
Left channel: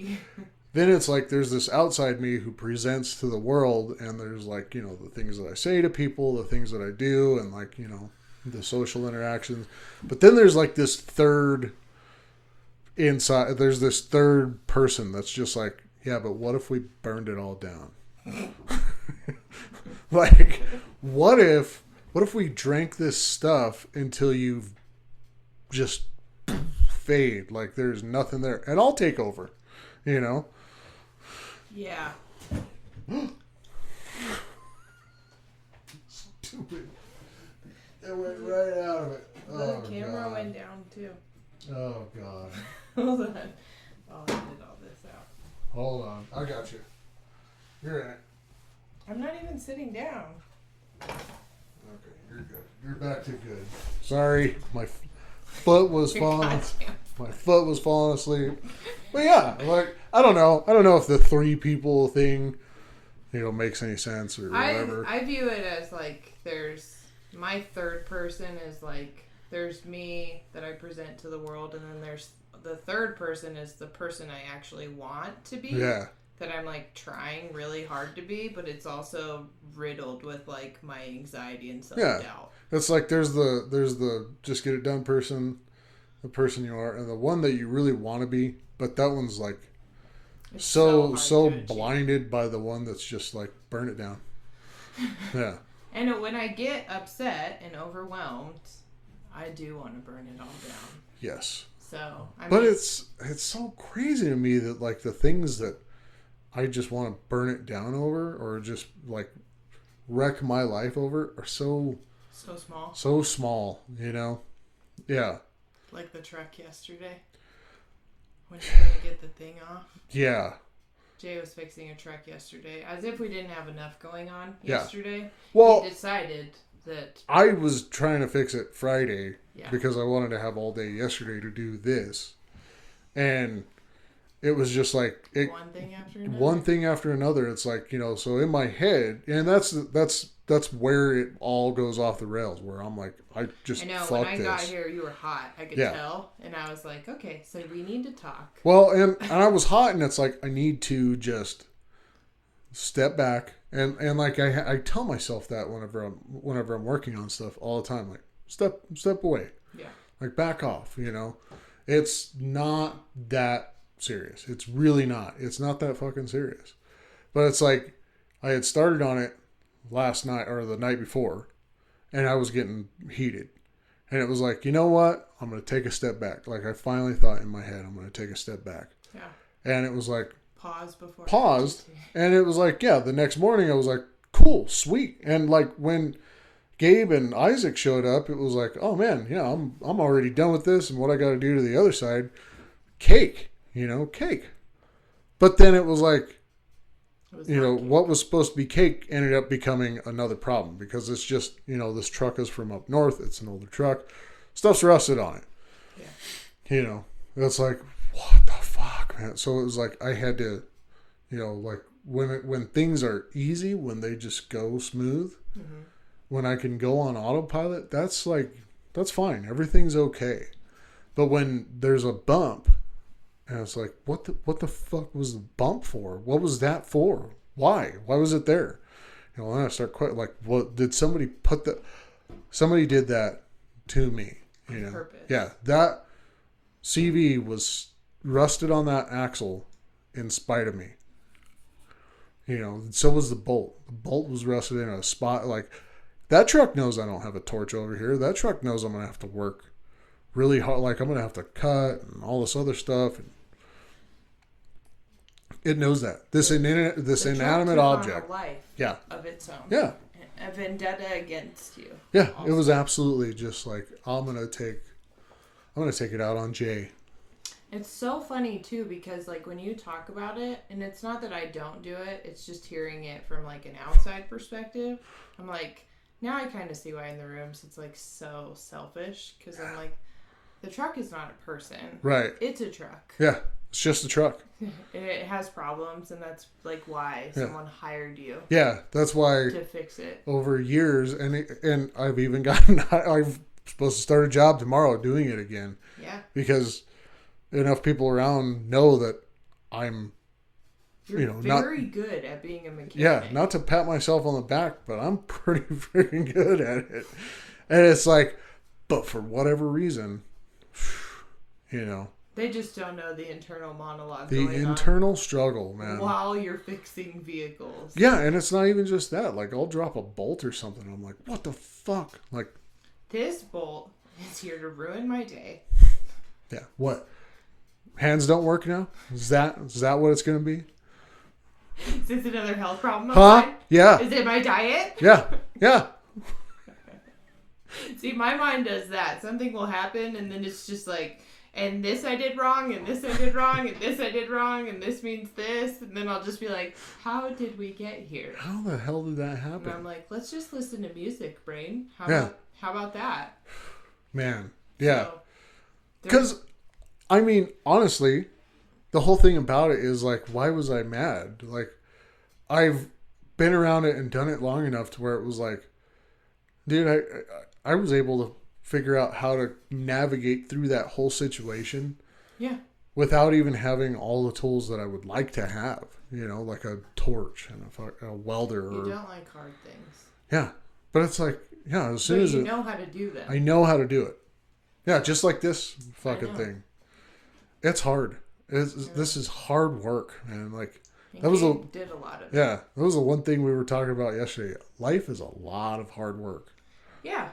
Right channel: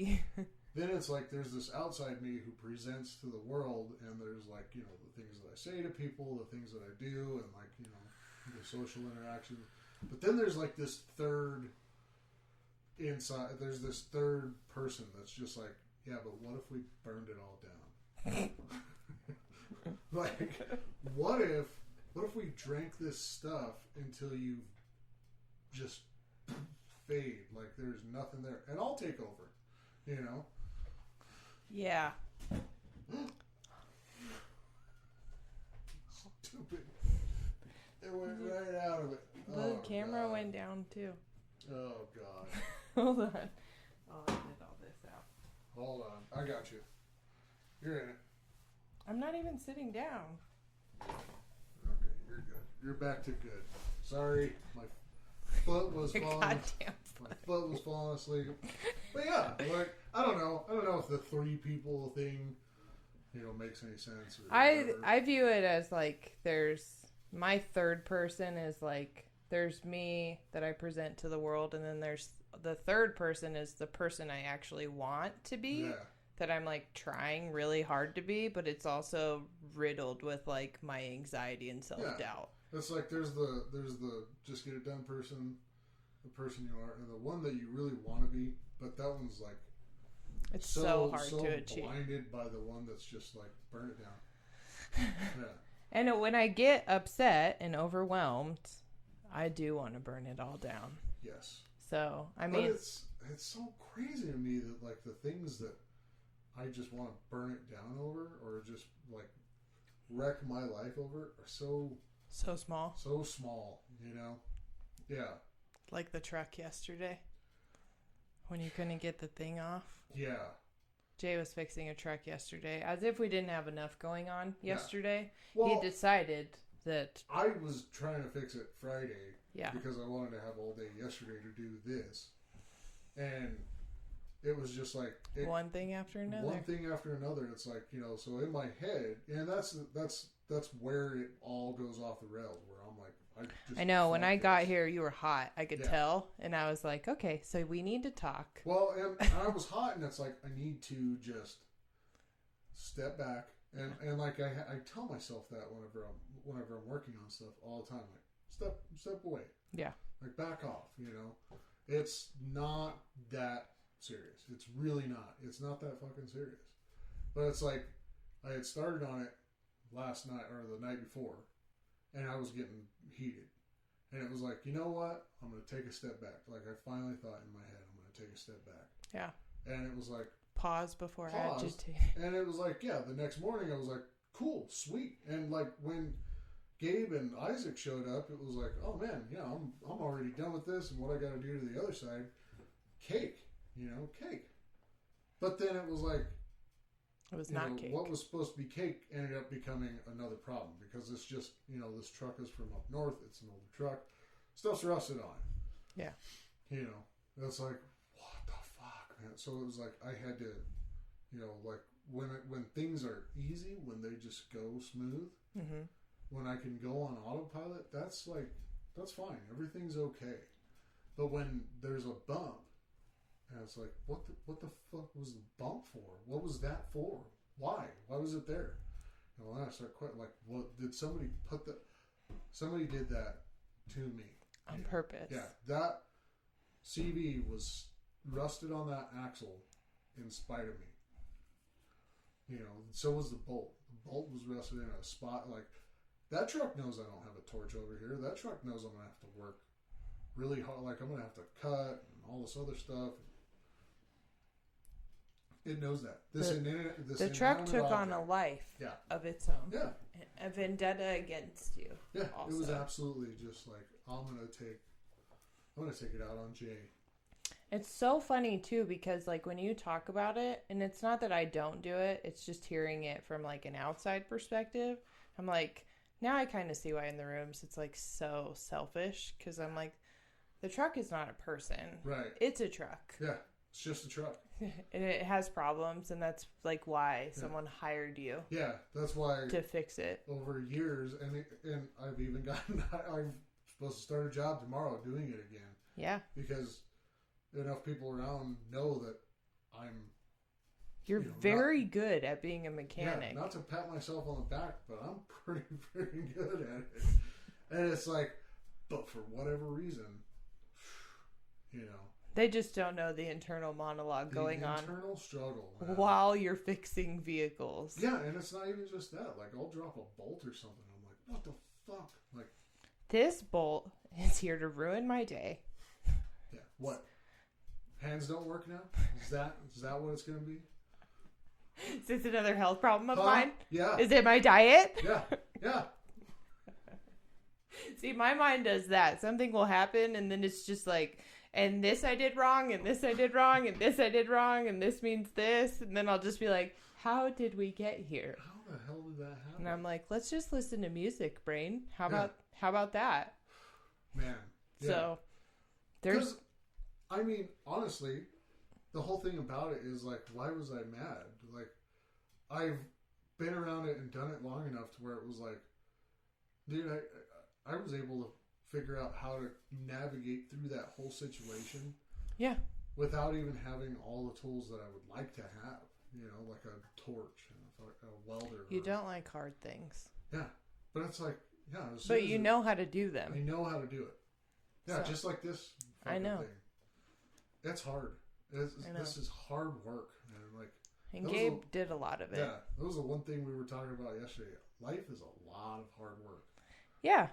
Then it's like there's this outside me who presents to the world, and there's like, you know, the things that I say to people, the things that I do, and like, you know, the social interactions. But then there's like this third person that's just like, yeah, but what if we burned it all down? Like, what if we drank this stuff until you just fade, like there's nothing there, and I'll take over, you know? Yeah. Stupid. It went right out of it. The camera went down too. Oh god. Hold on. I'll edit all this out. sitting down. Okay, you're good. You're back to good. Sorry, my foot was falling. My foot was falling asleep. But yeah, like I don't know. I don't know if the 3 people thing, makes any sense or whatever. I view it as like there's my third person is like there's me that I present to the world, and then there's the third person is the person I actually want to be. Yeah. That I'm like trying really hard to be, but it's also riddled with like my anxiety and self-doubt. Yeah. It's like there's the just get it done person, the person you are, and the one that you really want to be, but that one's like it's so blinded by the one that's just like burn it down. Yeah. And when I get upset and overwhelmed, I do want to burn it all down. Yes. So, but it's so crazy to me that like the things that I just want to burn it down over or just like wreck my life over are so small. So small, Yeah. Like the truck yesterday. When you couldn't get the thing off. Yeah. Jay was fixing a truck yesterday. As if we didn't have enough going on yesterday. Yeah. Well, he decided that I was trying to fix it Friday because I wanted to have all day yesterday to do this. And it was just like one thing after another. One thing after another. It's like, so in my head, and that's where it all goes off the rails, where I'm like, I know when I got here, you were hot. I could tell. And I was like, okay, so we need to talk. Well, and I was hot, and it's like, I need to just step back. And like, I tell myself that whenever I'm working on stuff all the time, like, step away. Yeah. Like, back off, It's not that serious. It's really not. It's not that fucking serious. But it's like, I had started on it last night or the night before, and I was getting heated. And it was like, you know what? I'm going to take a step back. Like, I finally thought in my head, I'm going to take a step back. Yeah. And it was like, paused. And it was like, the next morning I was like, cool, sweet. And like when Gabe and Isaac showed up, it was like, oh man, I'm already done with this. And what I got to do to the other side, cake. But then it was like, what was supposed to be cake ended up becoming another problem because it's just, this truck is from up north. It's an older truck. Stuff's rusted on it. Yeah. It's like, what the fuck, man? So it was like, I had to, like when things are easy, when they just go smooth, when I can go on autopilot, that's fine. Everything's okay. But when there's a bump, and it's like, what the fuck was the bump for? What was that for? Why? Why was it there? And I start quite like, what did somebody somebody did that to me, On purpose. Yeah, that CV was rusted on that axle in spite of me. So was the bolt. The bolt was rusted in a spot like that truck knows I don't have a torch over here. That truck knows I'm gonna have to work really hard, like I'm gonna have to cut and all this other stuff. And it knows that this inanimate object, on a life of its own, a vendetta against you. Yeah, also. It was absolutely just like I'm gonna take it out on Jay. It's so funny too because like when you talk about it, and it's not that I don't do it, it's just hearing it from like an outside perspective. I'm like, now I kind of see why in the rooms it's like so selfish because I'm like, the truck is not a person. Right. It's a truck. Yeah. It's just a truck. It has problems, and that's like why someone hired you. Yeah, that's why to fix it over years, and I've even gotten. I'm supposed to start a job tomorrow doing it again. Yeah. Because enough people around know that I'm. You're very good at being a mechanic. Yeah, not to pat myself on the back, but I'm pretty freaking good at it. And it's like, but for whatever reason, They just don't know the internal monologue going on. The internal struggle, man. While you're fixing vehicles. Yeah, and it's not even just that. Like, I'll drop a bolt or something. I'm like, what the fuck? Like, this bolt is here to ruin my day. Yeah. What? Hands don't work now? Is that what it's going to be? Is this another health problem of mine? Yeah. Is it my diet? Yeah. Yeah. See, my mind does that. Something will happen, and then it's just like... and this I did wrong, and this I did wrong, and this I did wrong, and this means this, and then I'll just be like, how did we get here? How the hell did that happen? And I'm like, let's just listen to music, brain. Yeah. How about that? Man, yeah. So, Because, I mean, honestly, the whole thing about it is like, why was I mad? Like, I've been around it and done it long enough to where it was like, dude, I was able to figure out how to navigate through that whole situation. Yeah. Without even having all the tools that I would like to have. You know, like a torch and a welder. You don't like hard things. Yeah. But it's like, yeah, as soon but as you know how to do them. I know how to do it. Yeah, just like this fucking thing. It's hard. This is hard work, man. Like, and that was did a lot of it. Yeah, that was the one thing we were talking about yesterday. Life is a lot of hard work. Yeah.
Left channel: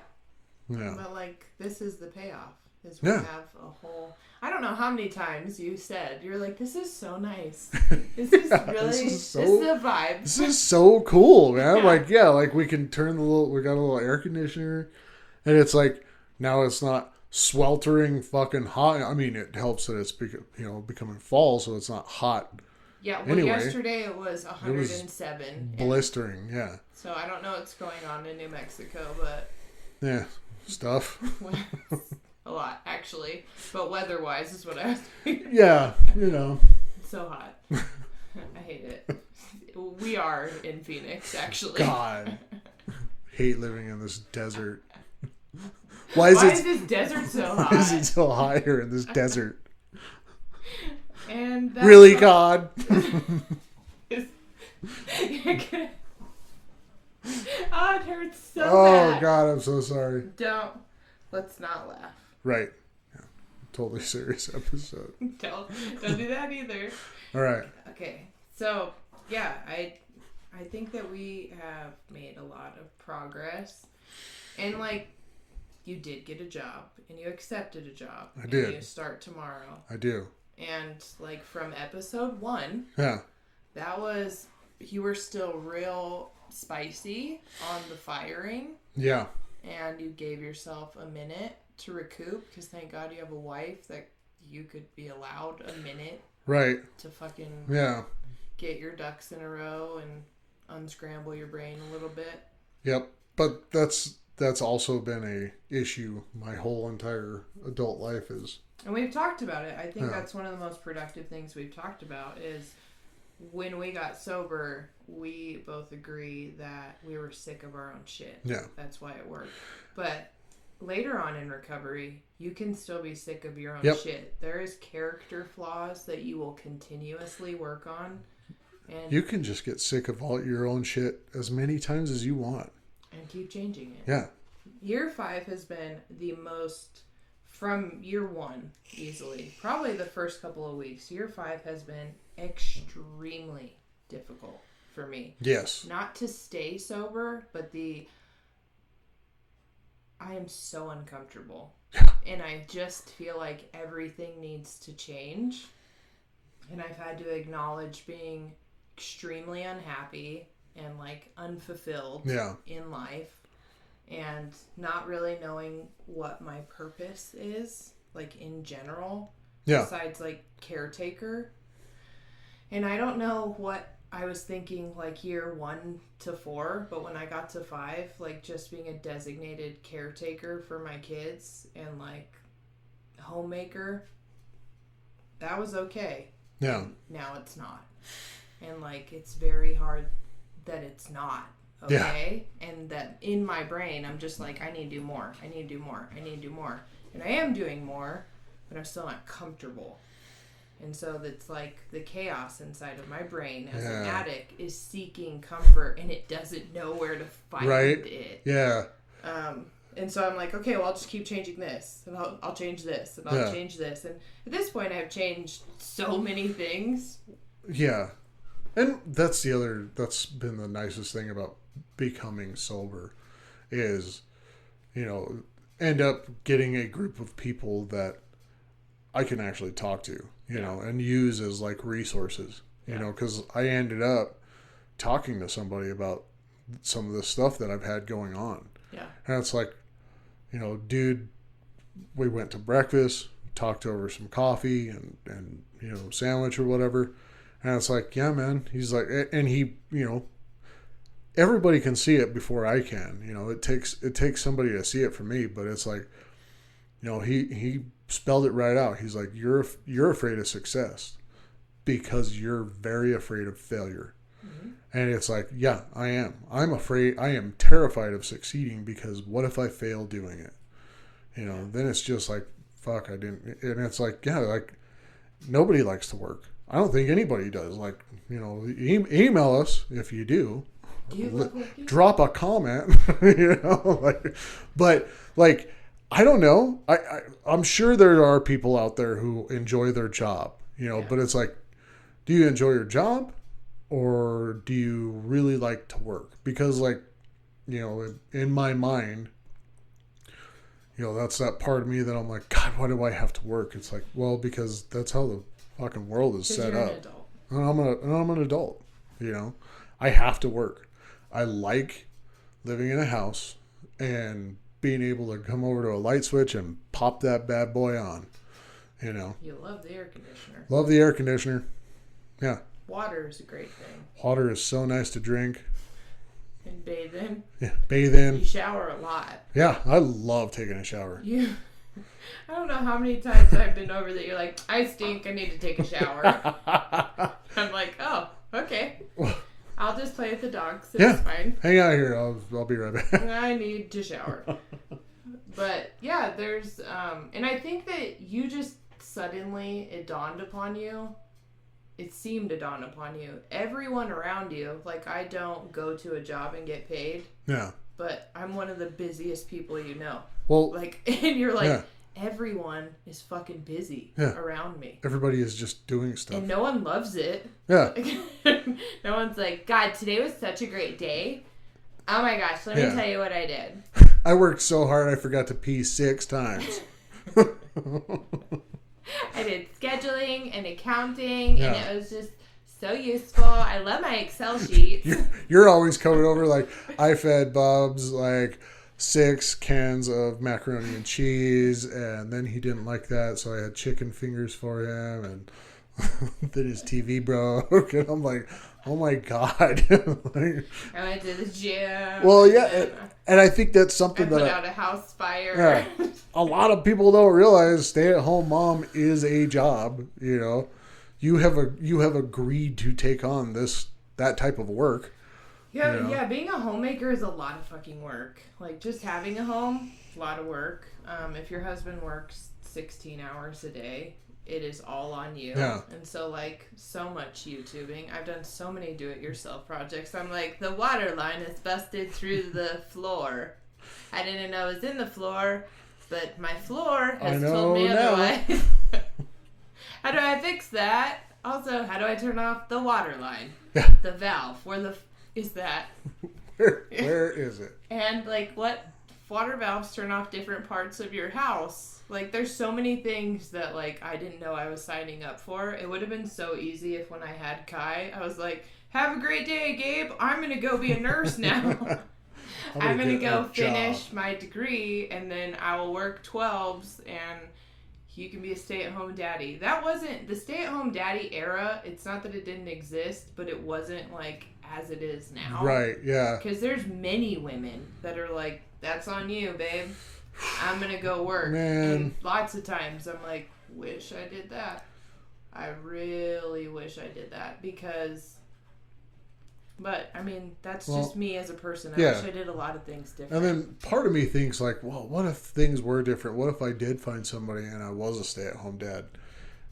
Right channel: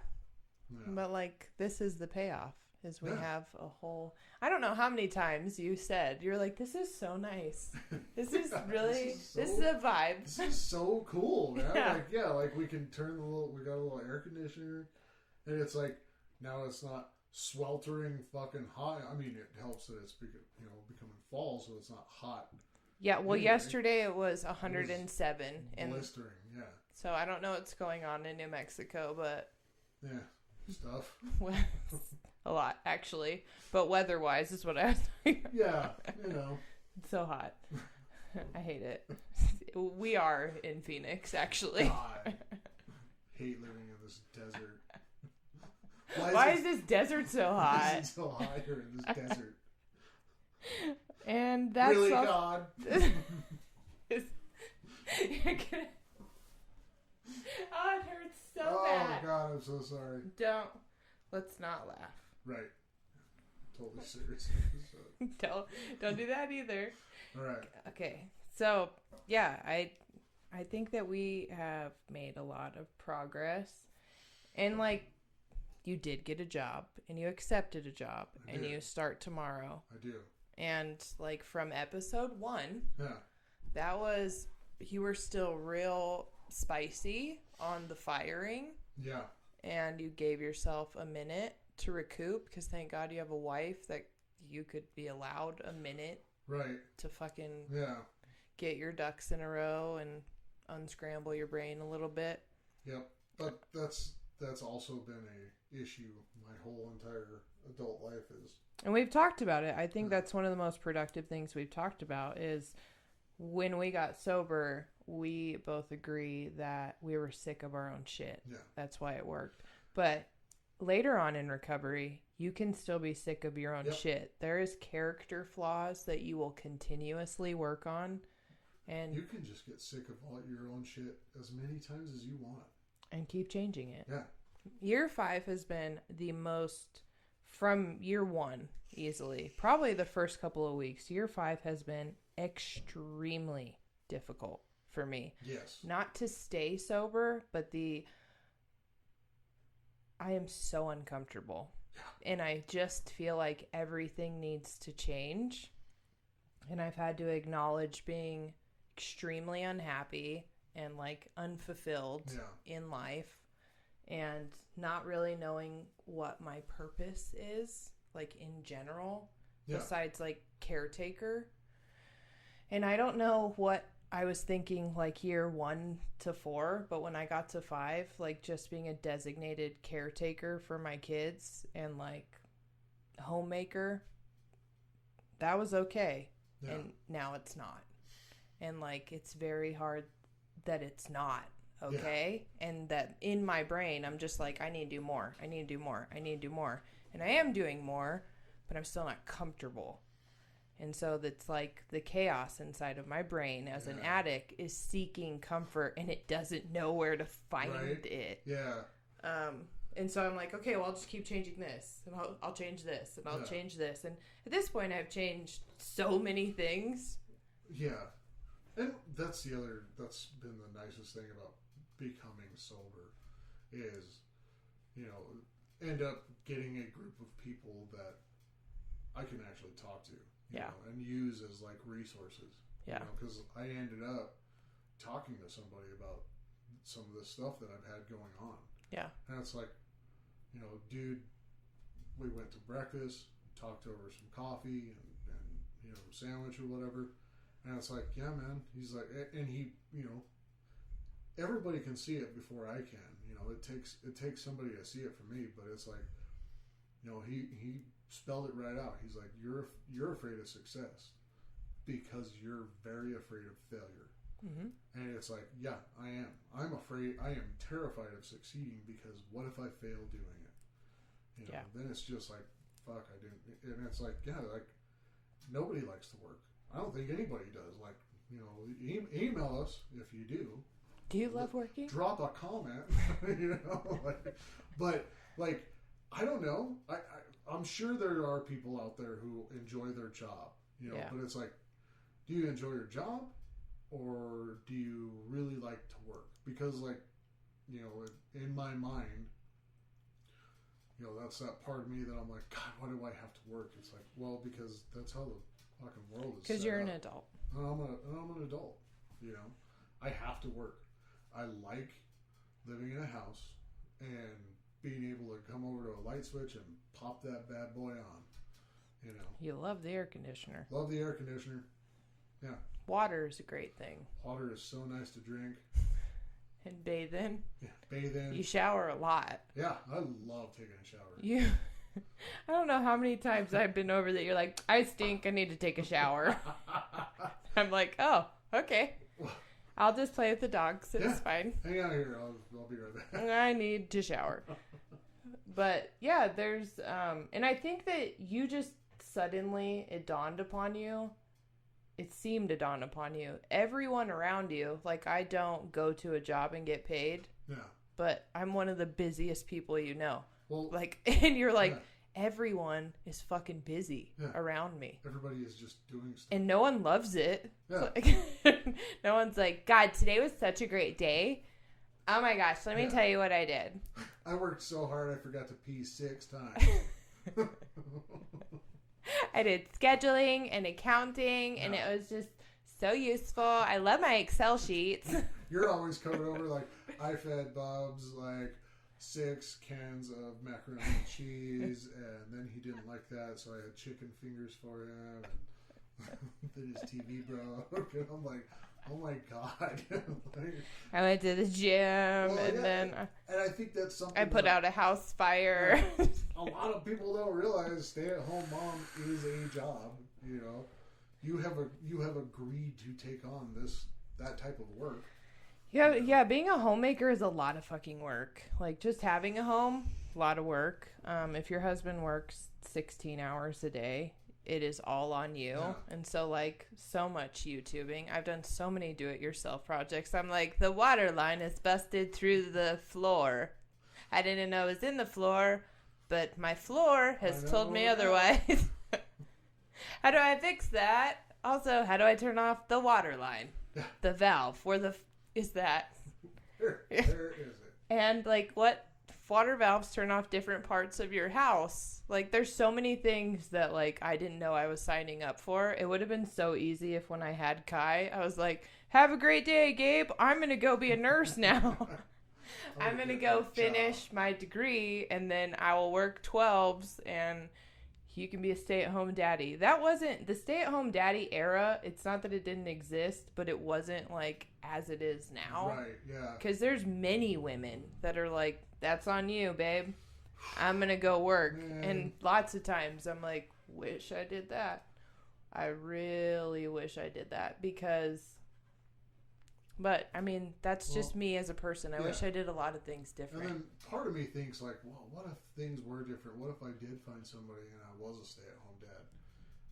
Yeah. But like, this is the payoff. Is we have a whole. I don't know how many times you said you're like, this is so nice. This is really this is a vibe. This is so cool, man. Like we can turn we got a little air conditioner, and it's like now it's not sweltering fucking hot. I mean, it helps that it's becoming fall, so it's not hot. Yeah, well, yesterday it was 107. Blistering, yeah. So I don't know what's going on in New Mexico, but yeah, stuff. A lot, actually. But weather-wise is what I was thinking. Yeah, you know. It's so hot. I hate it. We are in Phoenix, actually. God. Hate living in this desert. Why is this desert so hot? Why is it so hot here in this desert? And really, God? It hurts so bad. Oh, God, I'm so sorry. Let's not laugh. Right. Yeah. Totally serious episode. Don't do that either. All right. Okay. So, yeah, I think that we have made a lot of progress. And, like, you did get a job. And you accepted a job. I did. And you start tomorrow. I do. And, like, from episode 1. Yeah. You were still real spicy on the firing. Yeah. And you gave yourself a minute to recoup because thank God you have a wife that you could be allowed a minute. Right. To fucking get your ducks in a row and unscramble your brain a little bit. Yep. But that's also been a issue my whole entire adult life is. And we've talked about it. I think that's one of the most productive things we've talked about is when we got sober, we both agree that we were sick of our own shit. Yeah. That's why it worked. But later on in recovery, you can still be sick of your own shit. There is character flaws that you will continuously work on. And you can just get sick of all your own shit as many times as you want. And keep changing it. Yeah. Year 5 has been the most, from year 1, easily. Probably the first couple of weeks. Year 5 has been extremely difficult for me. Yes. Not to stay sober, but I am so uncomfortable. And I just feel like everything needs to change. And I've had to acknowledge being extremely unhappy and like unfulfilled in life and not really knowing what my purpose is, like in general, besides like caretaker. And I don't know what I was thinking like year 1 to 4, but when I got to 5, like just being a designated caretaker for my kids and like homemaker, that was okay. Yeah. And now it's not. And like it's very hard that it's not okay. Yeah. And that in my brain I'm just like, I need to do more. I need to do more. I need to do more. And I am doing more, but I'm still not comfortable. And so that's like the chaos inside of my brain as an addict is seeking comfort and it doesn't know where to find it. Yeah. And so I'm like, okay, well, I'll just keep changing this and I'll change this and I'll change this. And at this point I've changed so many things. Yeah. And that's been the nicest thing about becoming sober is, end up getting a group of people that I can actually talk to, you know, and use as like resources, you know, because I ended up talking to somebody about some of the stuff that I've had going on. Yeah. And it's like, dude, we went to breakfast, talked over some coffee and sandwich or whatever. And it's like, yeah, man. He's like, and he, everybody can see it before I can. It takes somebody to see it for me. But it's like, he spelled it right out. He's like, you're afraid of success because you're very afraid of failure. Mm-hmm. And it's like, yeah, I am. I'm afraid. I am terrified of succeeding because what if I fail doing it? Then it's just like, fuck, I didn't. And it's like, yeah, like nobody likes to work. I don't think anybody does. Like, email us if you do. Do you love working? Drop a comment, but like, I don't know. I'm sure there are people out there who enjoy their job, but it's like, do you enjoy your job or do you really like to work? Because like, in my mind, that's that part of me that I'm like, God, why do I have to work? It's like, well, because that's how the fucking world is set up. An adult. And I'm an adult. I have to work. I like living in a house and being able to come over to a light switch and pop that bad boy on. You love the air conditioner. Love the air conditioner. Yeah. Water is a great thing. Water is so nice to drink. And bathe in. Yeah, bathe in. You shower a lot. Yeah, I love taking a shower. Yeah. I don't know how many times I've been over that you're like, I stink, I need to take a shower. I'm like, oh, okay. I'll just play with the dogs. It's fine. Hang out here. I'll be right back. I need to shower. But yeah, there's and I think that you just suddenly it dawned upon you. It seemed to dawn upon you. Everyone around you, like I don't go to a job and get paid. Yeah. But I'm one of the busiest people you know. Well, like, and you're like, everyone is fucking busy around me. Everybody is just doing stuff. And no one loves it. Yeah. No one's like, God, today was such a great day. Oh my gosh, let me tell you what I did. I worked so hard I forgot to pee 6 times. I did scheduling and accounting, and it was just so useful. I love my Excel sheets. You're always coming over like, I fed Bob's like 6 cans of macaroni and cheese, and then he didn't like that, so I had chicken fingers for him, and then his TV broke, and I'm like, oh my God. Like, I went to the gym. Well, yeah, and I think that's something I put out a house fire. Yeah, a lot of people don't realize stay-at-home mom is a job. You have agreed to take on that type of work. Yeah, yeah. Being a homemaker is a lot of fucking work. Like just having a home, a lot of work. If your husband works 16 hours a day, it is all on you. Yeah. And so like so much YouTubing. I've done so many do-it-yourself projects. I'm like, the water line is busted through the floor. I didn't know it was in the floor, but my floor has told me otherwise. How do I fix that? Also, how do I turn off the water line? Yeah. The valve. Where is that? Where is it? And like what water valves turn off different parts of your house. Like there's so many things that like I didn't know I was signing up for. It would have been so easy if when I had Kai, I was like, have a great day, Gabe. I'm going to go be a nurse now. I'm going to go finish my degree and then I will work 12s and you can be a stay-at-home daddy. That wasn't the stay-at-home daddy era. It's not that it didn't exist, but it wasn't like as it is now. Right, yeah. Because there's many women that are like, that's on you, babe. I'm going to go work. Man. And lots of times I'm like, wish I did that. I really wish I did that because... But, I mean, that's just me as a person. I wish I did a lot of things different. And then part of me thinks like, well, what if things were different? What if I did find somebody and I was a stay-at-home dad?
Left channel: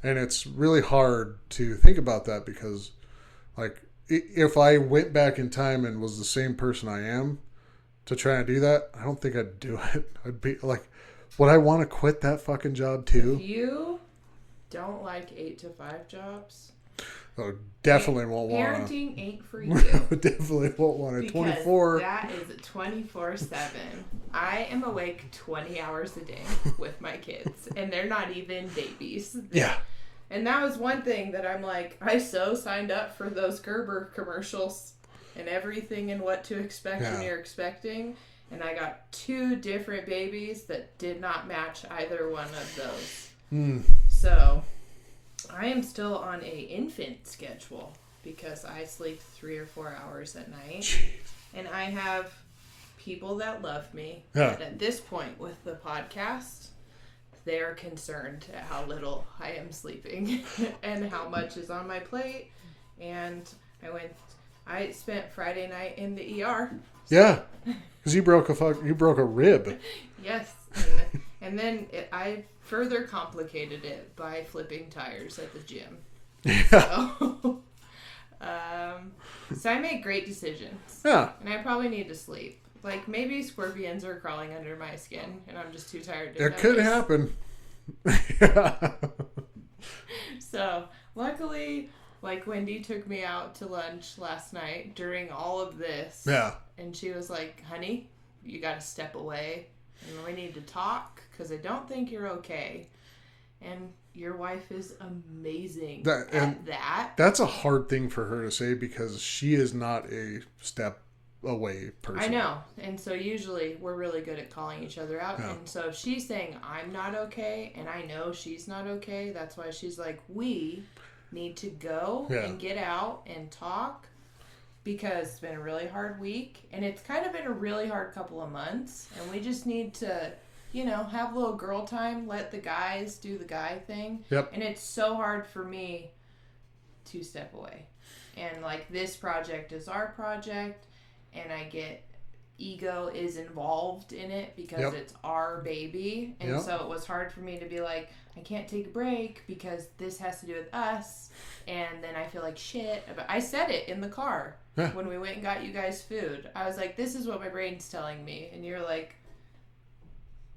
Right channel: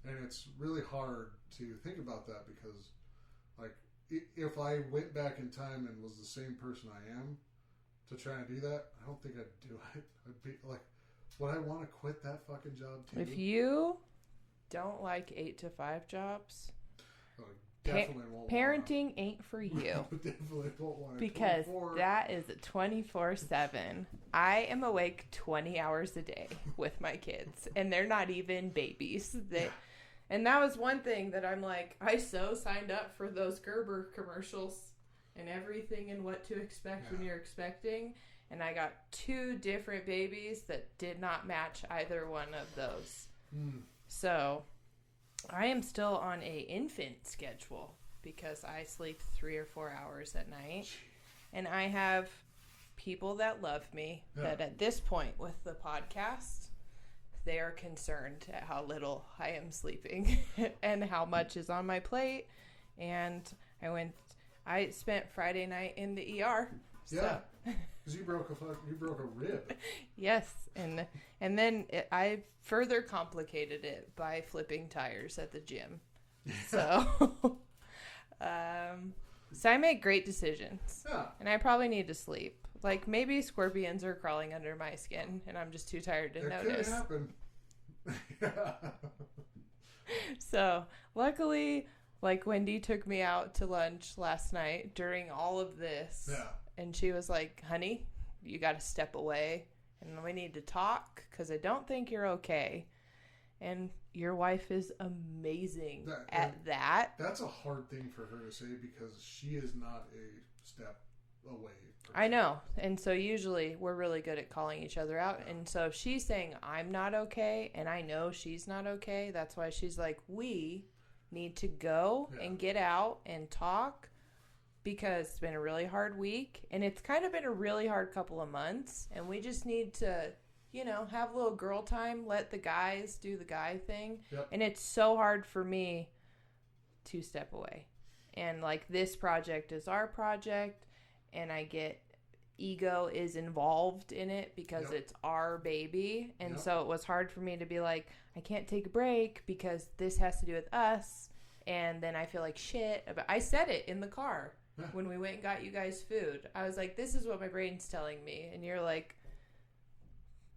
And it's really hard to think about that because, like, if I went back in time and was the same person I am to try and do that, I don't think I'd do it. I'd be like, would I want to quit that fucking job too? If you don't like 8 to 5 jobs... Oh, definitely won't want to. Parenting ain't for you. Definitely won't want to. Because 24. That is 24/7. I am awake 20 hours a day with my kids, and they're not even babies. And that was one thing that I'm like, I so signed up for those Gerber commercials and everything and what to expect when you're expecting. And I got 2 different babies that did not match either one of those. So I am still on a infant schedule because I sleep 3 or 4 hours at night. Jeez. And I have people that love me. Yeah. And at this point with the podcast, they are concerned at how little I am sleeping and how much is on my plate. And I spent Friday night in the ER. Yeah, because you broke a rib. Yes, and then I further complicated it by flipping tires at the gym. Yeah. So I make great decisions. Yeah. And I probably need to sleep. Like, maybe scorpions are crawling under my skin, and I'm just too tired to notice. It could happen. So, luckily, like, Wendy took me out to lunch last night during all of this. Yeah. And she was like, honey, you got to step away, and we need to talk, because I don't think you're okay. And your wife is amazing at that. That's a hard thing for her to say because she is not a step away person. I know. And so usually we're really good at calling each other out. Yeah. And so if she's saying I'm not okay and I know she's not okay, that's why she's like, we need to go and get out and talk because it's been a really hard week and it's kind of been a really hard couple of months and we just need to, you know, have a little girl time, let the guys do the guy thing. Yep. And it's so hard for me to step away. And like this project is our project and I get ego is involved in it because it's our baby. And so it was hard for me to be like, I can't take a break because this has to do with us. And then I feel like shit. I said it in the car when we went and got you guys food. I was like, this is what my brain's telling me. And you're like,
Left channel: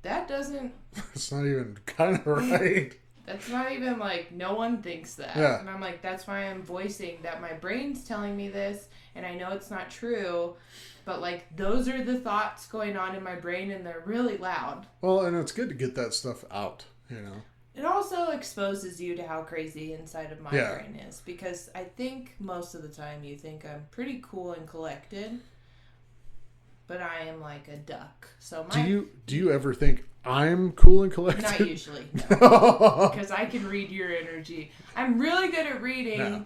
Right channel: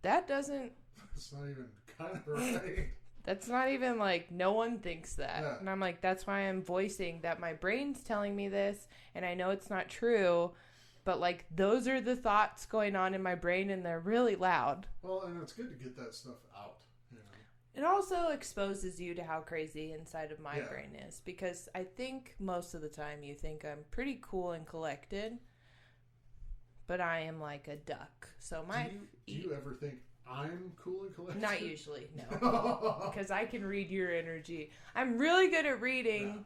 that doesn't... It's not even kind of right. That's not even like, no one thinks that. Yeah. And I'm like, that's why I'm voicing that my brain's telling me this. And I know it's not true. But like, those are the thoughts going on in my brain and they're really loud. Well, and it's good to get that stuff out, you know. It also exposes you to how crazy inside of my brain is. Because I think most of the time you think I'm pretty cool and collected. But I am like a duck. So Do you ever think I'm cool and collected? Not usually, no. Because I can read your energy. I'm really good at reading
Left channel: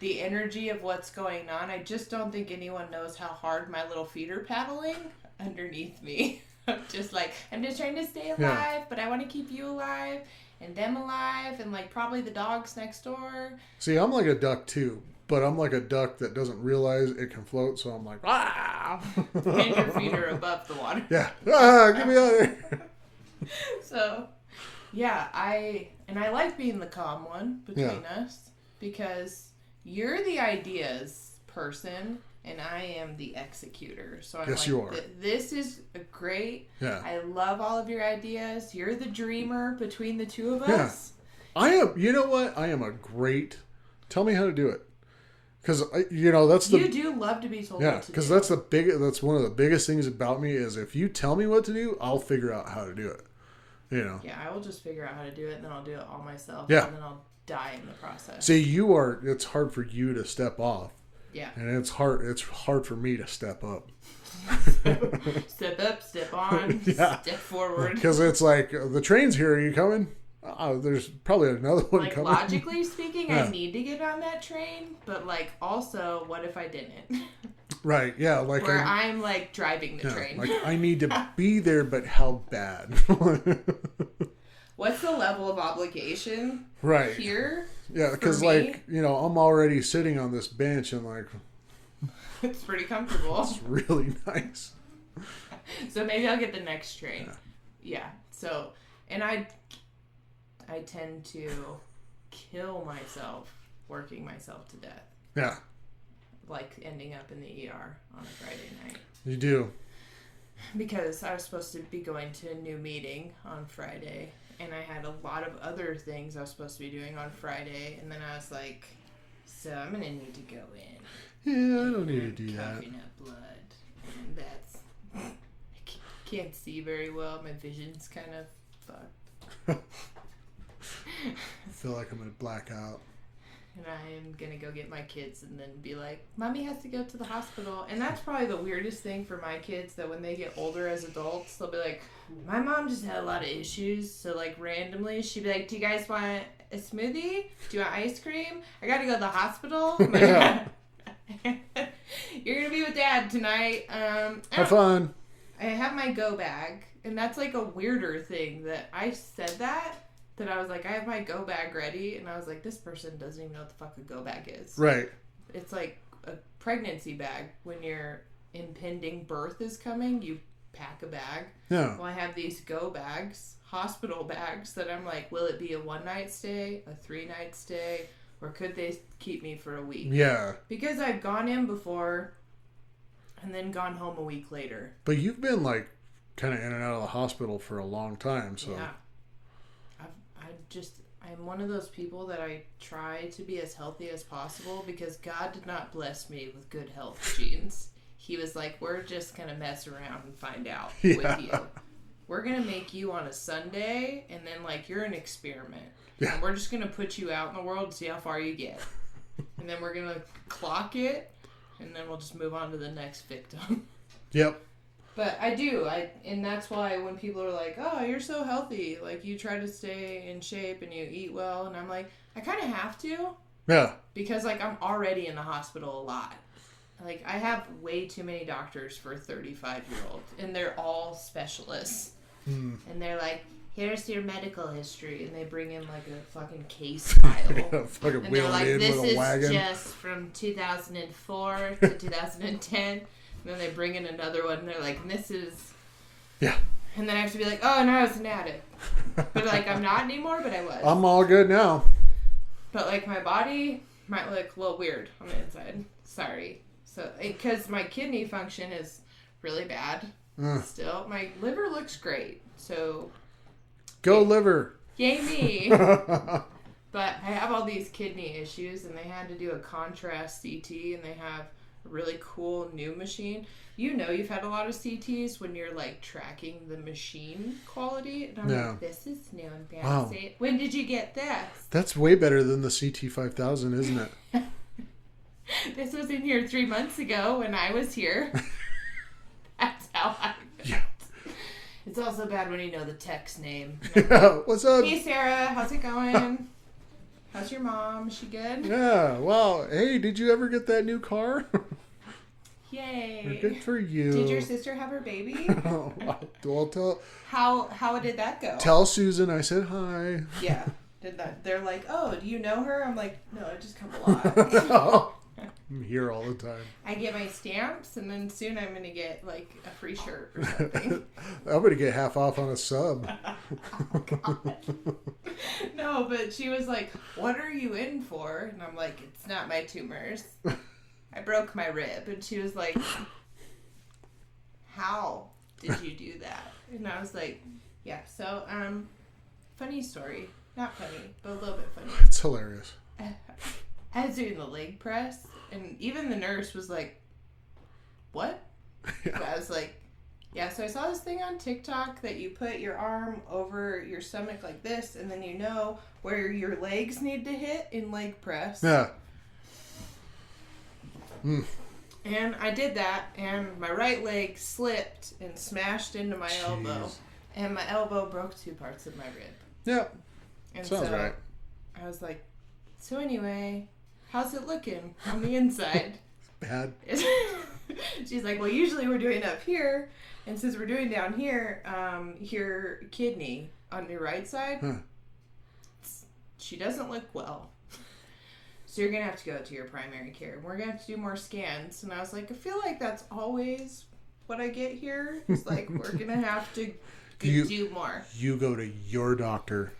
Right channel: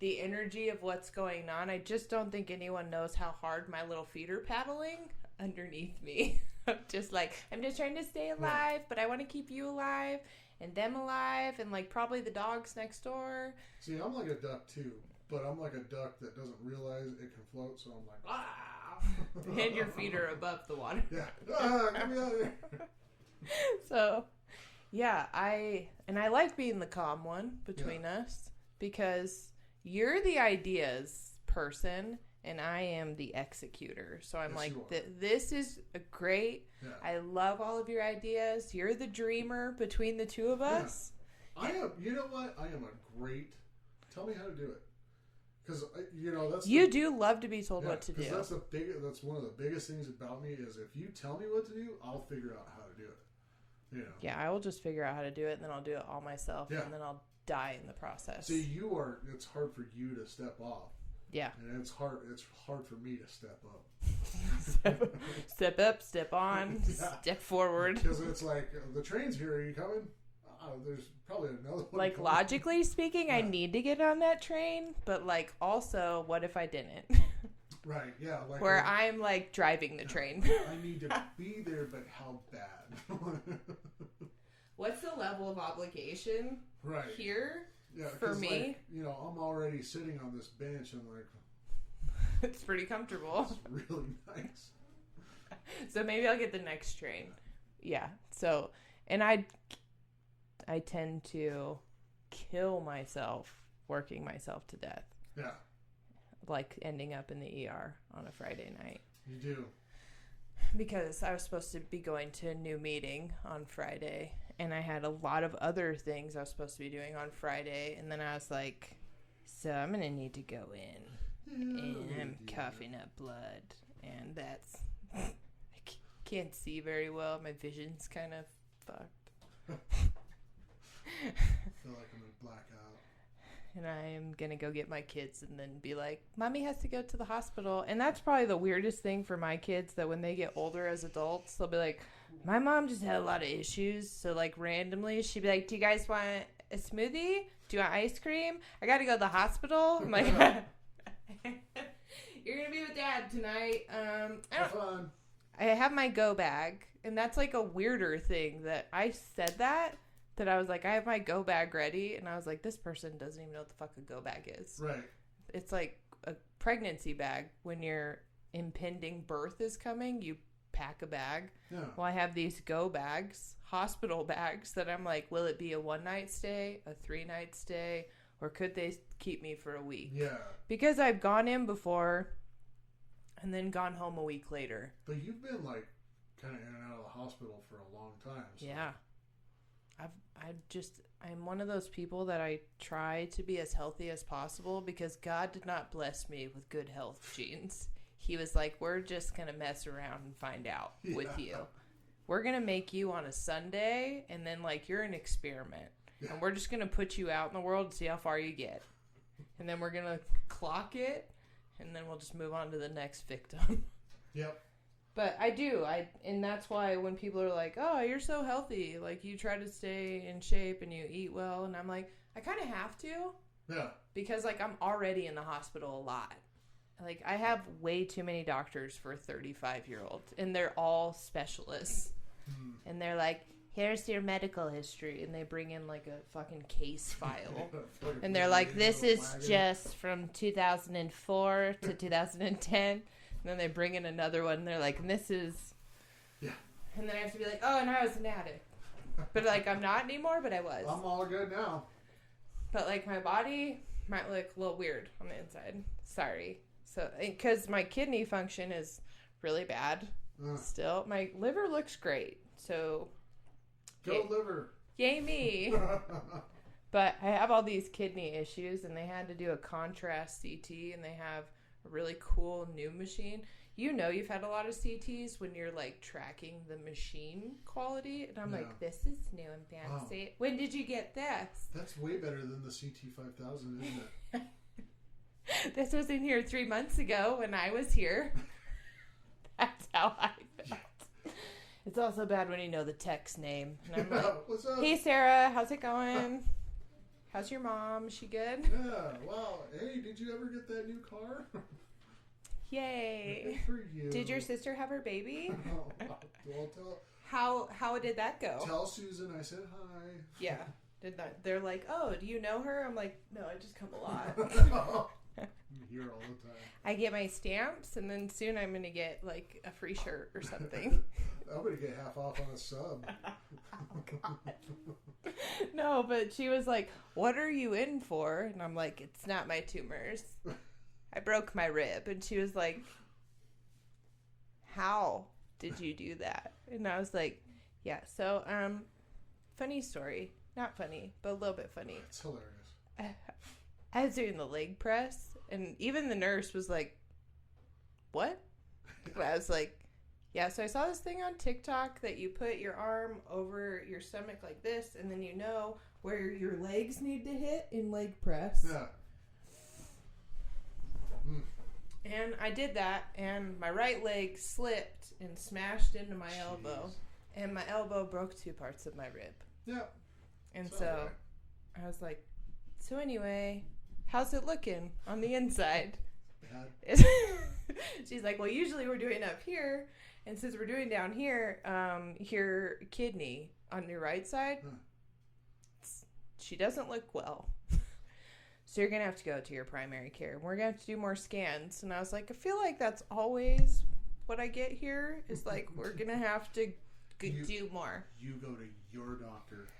the energy of what's going on. I just don't think anyone knows how hard my little feet are paddling underneath me. I'm just trying to stay alive, but I want to keep you alive and them alive and like probably the dogs next door. See, I'm like a duck too. But I'm like a duck that doesn't realize it can float, so I'm like, ah! And your feet are above the water. Yeah. Ah, get me out of here. So, yeah, I like being the calm one between us because you're the ideas person and I am the executor. So I'm you are. This is great. Yeah. I love all of your ideas. You're the dreamer between the two of us. I am, you know what? I am a great, tell me how to do it. Because, you know, that's the... You do love to be told what to do. because that's one of the biggest things about me is if you tell me what to do, I'll figure out how to do it. You know? Yeah, I will just figure out how to do it, and then I'll do it all myself. Yeah. And then I'll die in the process. See, it's hard for you to step off. Yeah. And it's hard for me to step up. Step up, step on, step forward. Because it's like, the train's here, are you coming? There's probably another one like, coming. logically speaking, I need to get on that train, but, like, also, what if I didn't? Right, yeah. Like where I'm like, driving the train. Like, I need to be there, but how bad? What's the level of obligation here? Yeah, because, like, you know, I'm already sitting on this bench and, like... It's pretty comfortable. It's really nice. So maybe I'll get the next train. Yeah. So, and I tend to kill myself working myself to death. Yeah. Like ending up in the ER on a Friday night. You do. Because I was supposed to be going to a new meeting on Friday. And I had a lot of other things I was supposed to be doing on Friday. And then I was like, so I'm going to need to go in. Yeah, I don't need to do that. Coughing up blood. And that's... I can't see very well. My vision's kind of fucked. I feel like I'm going to black out. and I am going to go get my kids and then be like, Mommy has to go to the hospital. And that's probably the weirdest thing for my kids, that when they get older as adults, they'll be like, my mom just had a lot of issues. So, like, randomly, she'd be like, do you guys want a smoothie? Do you want ice cream? I got to go to the hospital. I'm like, you're going to be with Dad tonight. Have fun. I have my go bag. And that's, like, a weirder thing that I said that I was like, I have my go bag ready. And I was like, this person doesn't even know what the fuck a go bag is. Right. It's like a pregnancy bag. When your impending birth is coming, you pack a bag. Yeah. Well, I have these go bags, hospital bags, that I'm like, will it be a 1-night stay, a 3-night stay, or could they keep me for a week? Yeah. Because I've gone in before and then gone home a week later. But you've been like kind of in and out of the hospital for a long time, so. Yeah. I'm one of those people that I try to be as healthy as possible, because God did not bless me with good health genes. He was like, we're just going to mess around and find out with you. We're going to make you on a Sunday, and then, like, you're an experiment. Yeah. And we're just going to put you out in the world and see how far you get. And then we're going to clock it, and then we'll just move on to the next victim. Yep. But I do. And that's why when people are like, oh, you're so healthy, like, you try to stay in shape and you eat well. And I'm like, I kind of have to. Yeah. Because, like, I'm already in the hospital a lot. Like, I have way too many doctors for a 35-year-old. And they're all specialists. Mm. And they're like, here's your medical history. And they bring in, like, a fucking case file. And they're like, this is just from 2004 to 2010. And then they bring in another one, and they're like, this is... Yeah. And then I have to be like, oh, and I was an addict. But, like, I'm not anymore, but I was. I'm all good now. But, like, my body might look a little weird on the inside. Sorry. So, because my kidney function is really bad still. My liver looks great. So... Go liver. Yay me. But I have all these kidney issues, and they had to do a contrast CT, and they have a really cool new machine. You know, you've had a lot of CTs when you're, like, tracking the machine quality. And I'm like, this is new and fancy. Wow. When did you get this? That's way better than the CT5000, isn't it? This was in here 3 months ago when I was here. That's how I... Yeah. It's also bad when you know the tech's name. What's up? Hey, Sarah. How's it going? How's your mom? Is she good? Yeah. Well, hey, did you ever get that new car? Yay. Good for you. Did your sister have her baby? Well, tell... How did that go? Tell Susan I said hi. Yeah. Did that? They're like, oh, do you know her? I'm like, no, I just come a lot. I'm here all the time. I get my stamps, and then soon I'm going to get, like, a free shirt or something. I'm going to get half off on a sub. Oh, God. No, but she was like, what are you in for? And I'm like, it's not my tumors. I broke my rib. And she was like, how did you do that? And I was like, yeah, so, funny story. Not funny, but a little bit funny. It's hilarious. I was doing the leg press, and even the nurse was like, what? Yeah. But I was like, yeah, so I saw this thing on TikTok that you put your arm over your stomach like this, and then you know where your legs need to hit in leg press. Yeah. And I did that, and my right leg slipped and smashed into my elbow, and my elbow broke 2 parts of my rib. Yep. And sounds so right. I was like, so anyway, how's it looking on the inside? Bad. She's like, well, usually we're doing up here, and since we're doing down here, your kidney on your right side, she doesn't look well. So you're going to have to go to your primary care. We're going to have to do more scans. And I was like, I feel like that's always what I get here. It's like, we're going to have to do more. You go to your doctor.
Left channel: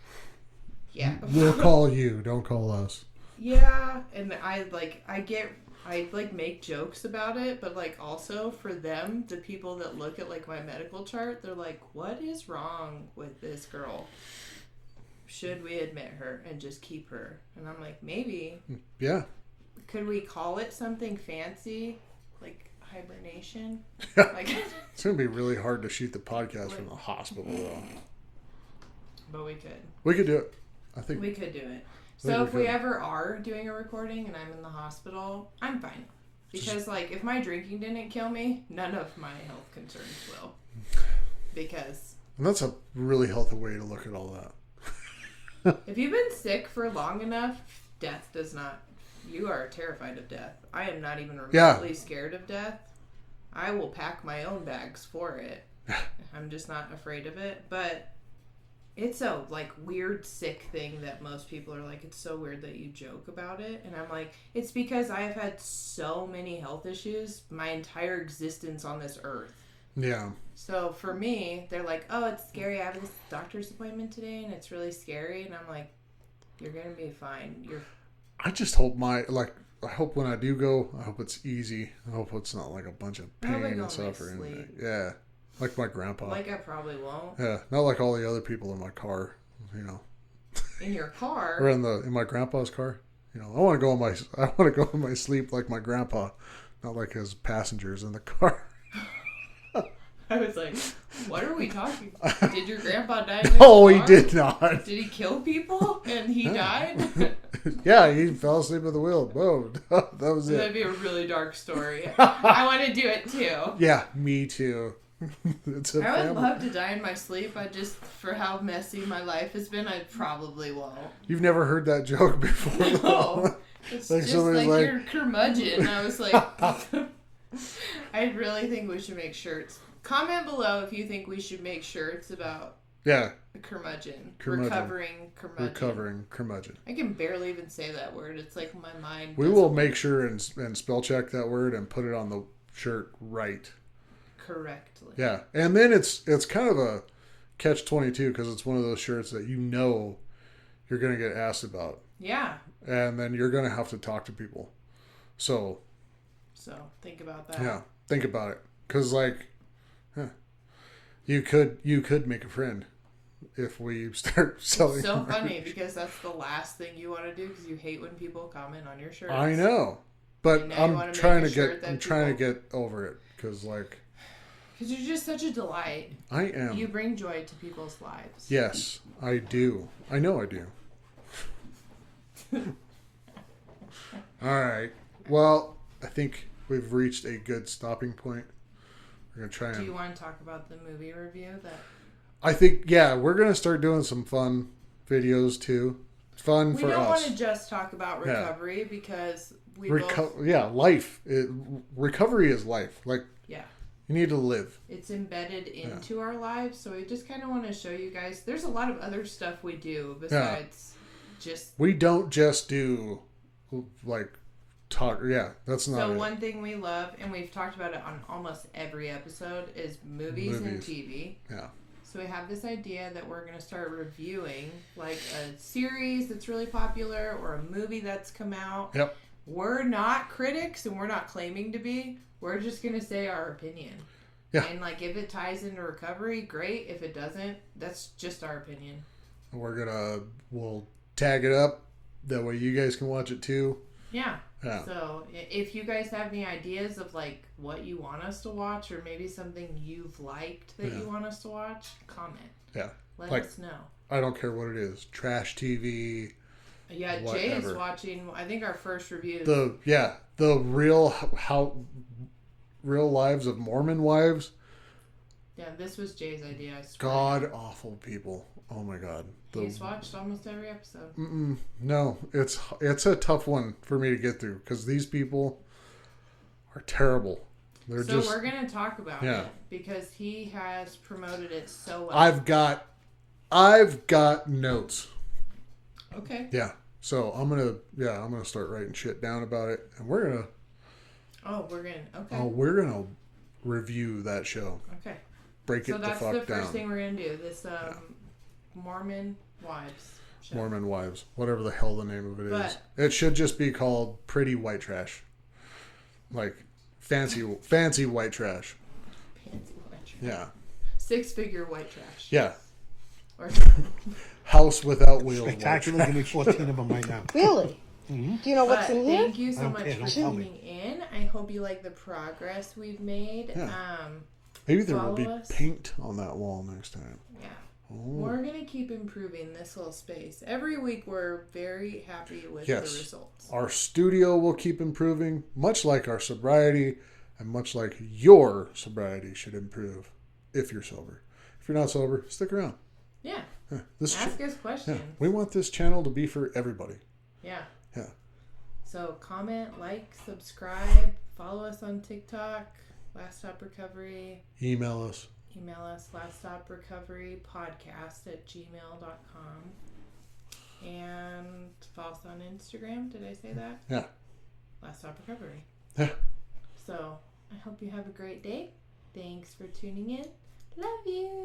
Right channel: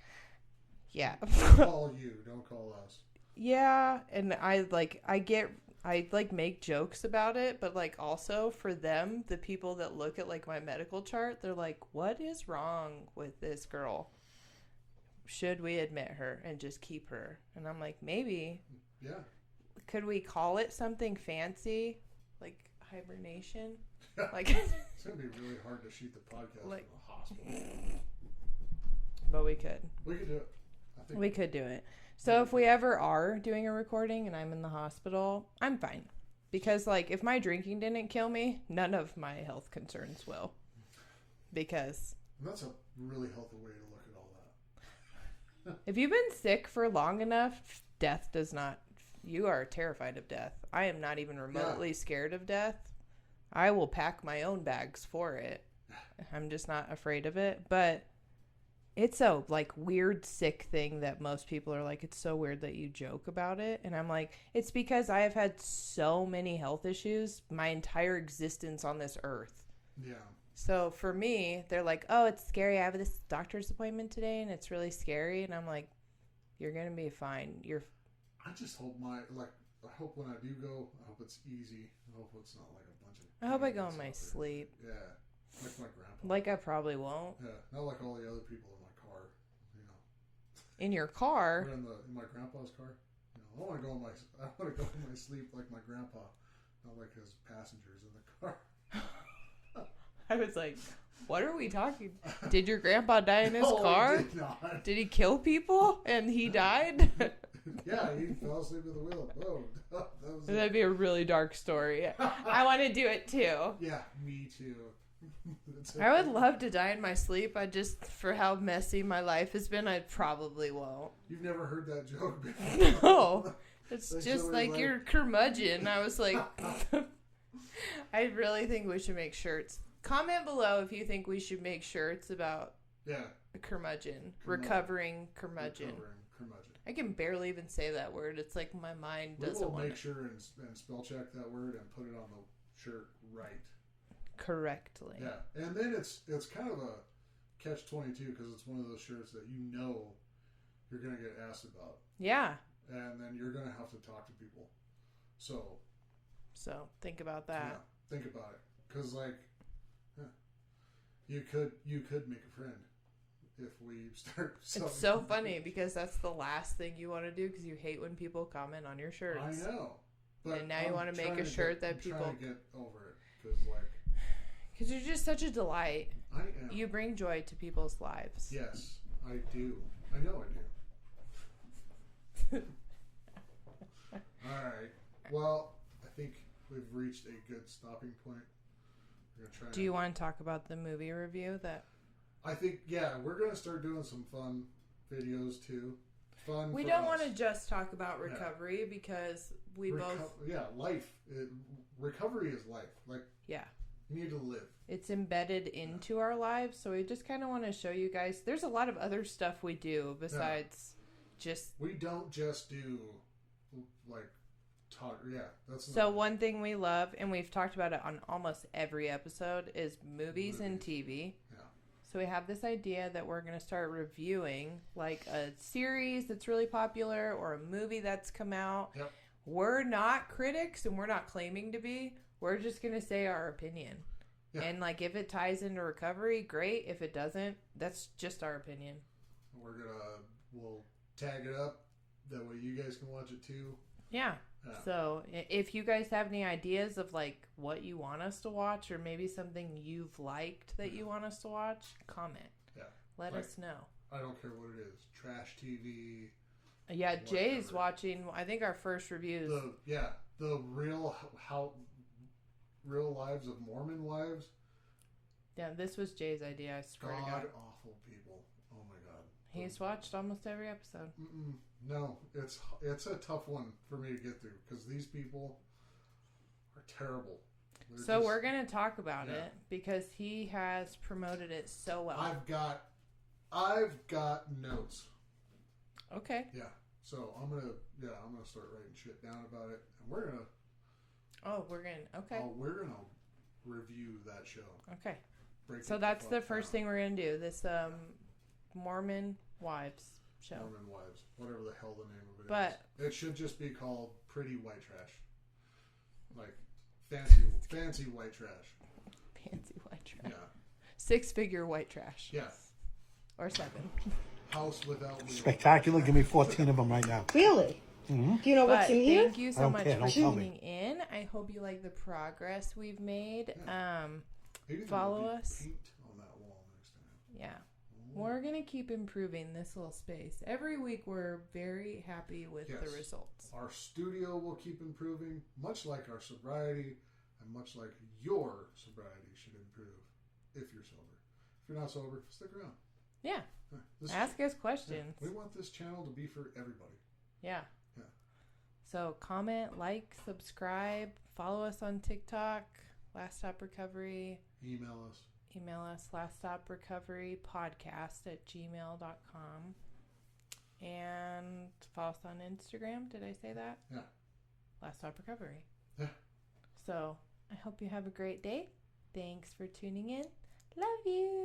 Yeah. We'll call you. Don't call us. Yeah. And I make jokes about it, but, like, also for them, the people that look at, like, my medical chart, they're like, what is wrong with this girl? Should we admit her and just keep her? And I'm like, maybe. Yeah. Could we call it something fancy? Like hibernation? Like, it's going to be really hard to shoot the podcast from the hospital, though. But we could. We could do it. I think we could do it. So if we ever are doing a recording and I'm in the hospital, I'm fine. Because, like, if my drinking didn't kill me, none of my health concerns will. Because... And that's a really healthy way to look at all that. If you've been sick for long enough, death does not... You are terrified of death. I am not even remotely scared of death. I will pack my own bags for it. I'm just not afraid of it. But it's a, like, weird, sick thing that most people are like, it's so weird that you joke about it. And I'm like, it's because I have had so many health issues my entire existence on this earth. Yeah. So for me, they're like, oh, it's scary. I have this doctor's appointment today and it's really scary. And I'm like, you're going to be fine. I just hope I hope when I do go, I hope it's easy. I hope it's not like a bunch of pain and suffering. Yeah. Like my grandpa. Like I probably won't. Yeah. Not like all the other people in my car, you know. In your car? Or in my grandpa's car. You know, I want to go in my sleep like my grandpa, not like his passengers in the car. I was like, what are we talking about? Did your grandpa die in his car? No, he did not. Did he kill people and he died? Yeah, he fell asleep at the wheel. Whoa, that was it. That'd be a really dark story. I want to do it too. Yeah, me too. I would love to die in my sleep. For how messy my life has been, I probably won't. You've never heard that joke before? No. It's like just like you're curmudgeon. I was like, I really think we should make shirts. Comment below if you think we should make shirts about curmudgeon. Recovering curmudgeon. I can barely even say that word. It's like my mind. We will make sure and spell check that word and put it on the shirt right. Correctly. Yeah, and then it's kind of a catch-22 because it's one of those shirts that you know you're going to get asked about. Yeah. And then you're going to have to talk to people. So think about that. Yeah, think about it because you could make a friend if we start selling. It's so funny because that's the last thing you want to do because you hate when people comment on your shirts. I know, but I'm trying to get over it because you're just such a delight. I am. You bring joy to people's lives. Yes, I do. I know I do. All right. Well, I think we've reached a good stopping point. We're gonna try. Do you want to talk about the movie review that? I think we're gonna start doing some fun videos too. Fun for us. We don't want to just talk about recovery because we both. Yeah, life. Recovery is life. You need to live. It's embedded into our lives, so we just kind of want to show you guys. There's a lot of other stuff we do besides just. We don't just do talk. Yeah, that's not. So one thing we love, and we've talked about it on almost every episode, is movies and TV. Yeah. So we have this idea that we're going to start reviewing like a series that's really popular or a movie that's come out. Yep. We're not critics, and we're not claiming to be. We're just going to say our opinion. Yeah. And if it ties into recovery, great. If it doesn't, that's just our opinion. We'll tag it up. That way you guys can watch it too. Yeah. So if you guys have any ideas of what you want us to watch or maybe something you've liked that you want us to watch, comment. Yeah. Let us know. I don't care what it is. Trash TV. Yeah, whatever. Jay is watching, I think our first review. The real lives of Mormon wives. Yeah, this was Jay's idea. I swear. God awful people. Oh my God. He's watched almost every episode. No, it's a tough one for me to get through because these people are terrible. We're going to talk about it because he has promoted it so well. I've got notes. Okay. Yeah. So I'm gonna start writing shit down about it, and we're gonna. We're gonna review that show. Okay. Break it the fuck down. So that's the first thing we're gonna do. This Mormon Wives show. Mormon Wives, whatever the hell the name of it is. It should just be called Pretty White Trash. Fancy white trash. Fancy white trash. Yeah. 6-figure white trash. Yeah. Or something. House without wheels. Spectacular. Give me 14 of them right now. Really? Mm-hmm. Do you know what's in here? Thank you so much for tuning in. I hope you like the progress we've made. Yeah. Maybe there will be paint on that wall next time. Yeah. We're going to keep improving this little space. Every week we're very happy with the results. Our studio will keep improving, much like our sobriety and much like your sobriety should improve if you're sober. If you're not sober, stick around. Yeah. Ask us questions. Yeah. We want this channel to be for everybody. Yeah. Yeah. So comment, like, subscribe, follow us on TikTok, Last Stop Recovery. Email us, laststoprecoverypodcast@gmail.com. And follow us on Instagram. Did I say that? Yeah. Last Stop Recovery. Yeah. So I hope you have a great day. Thanks for tuning in. Love you.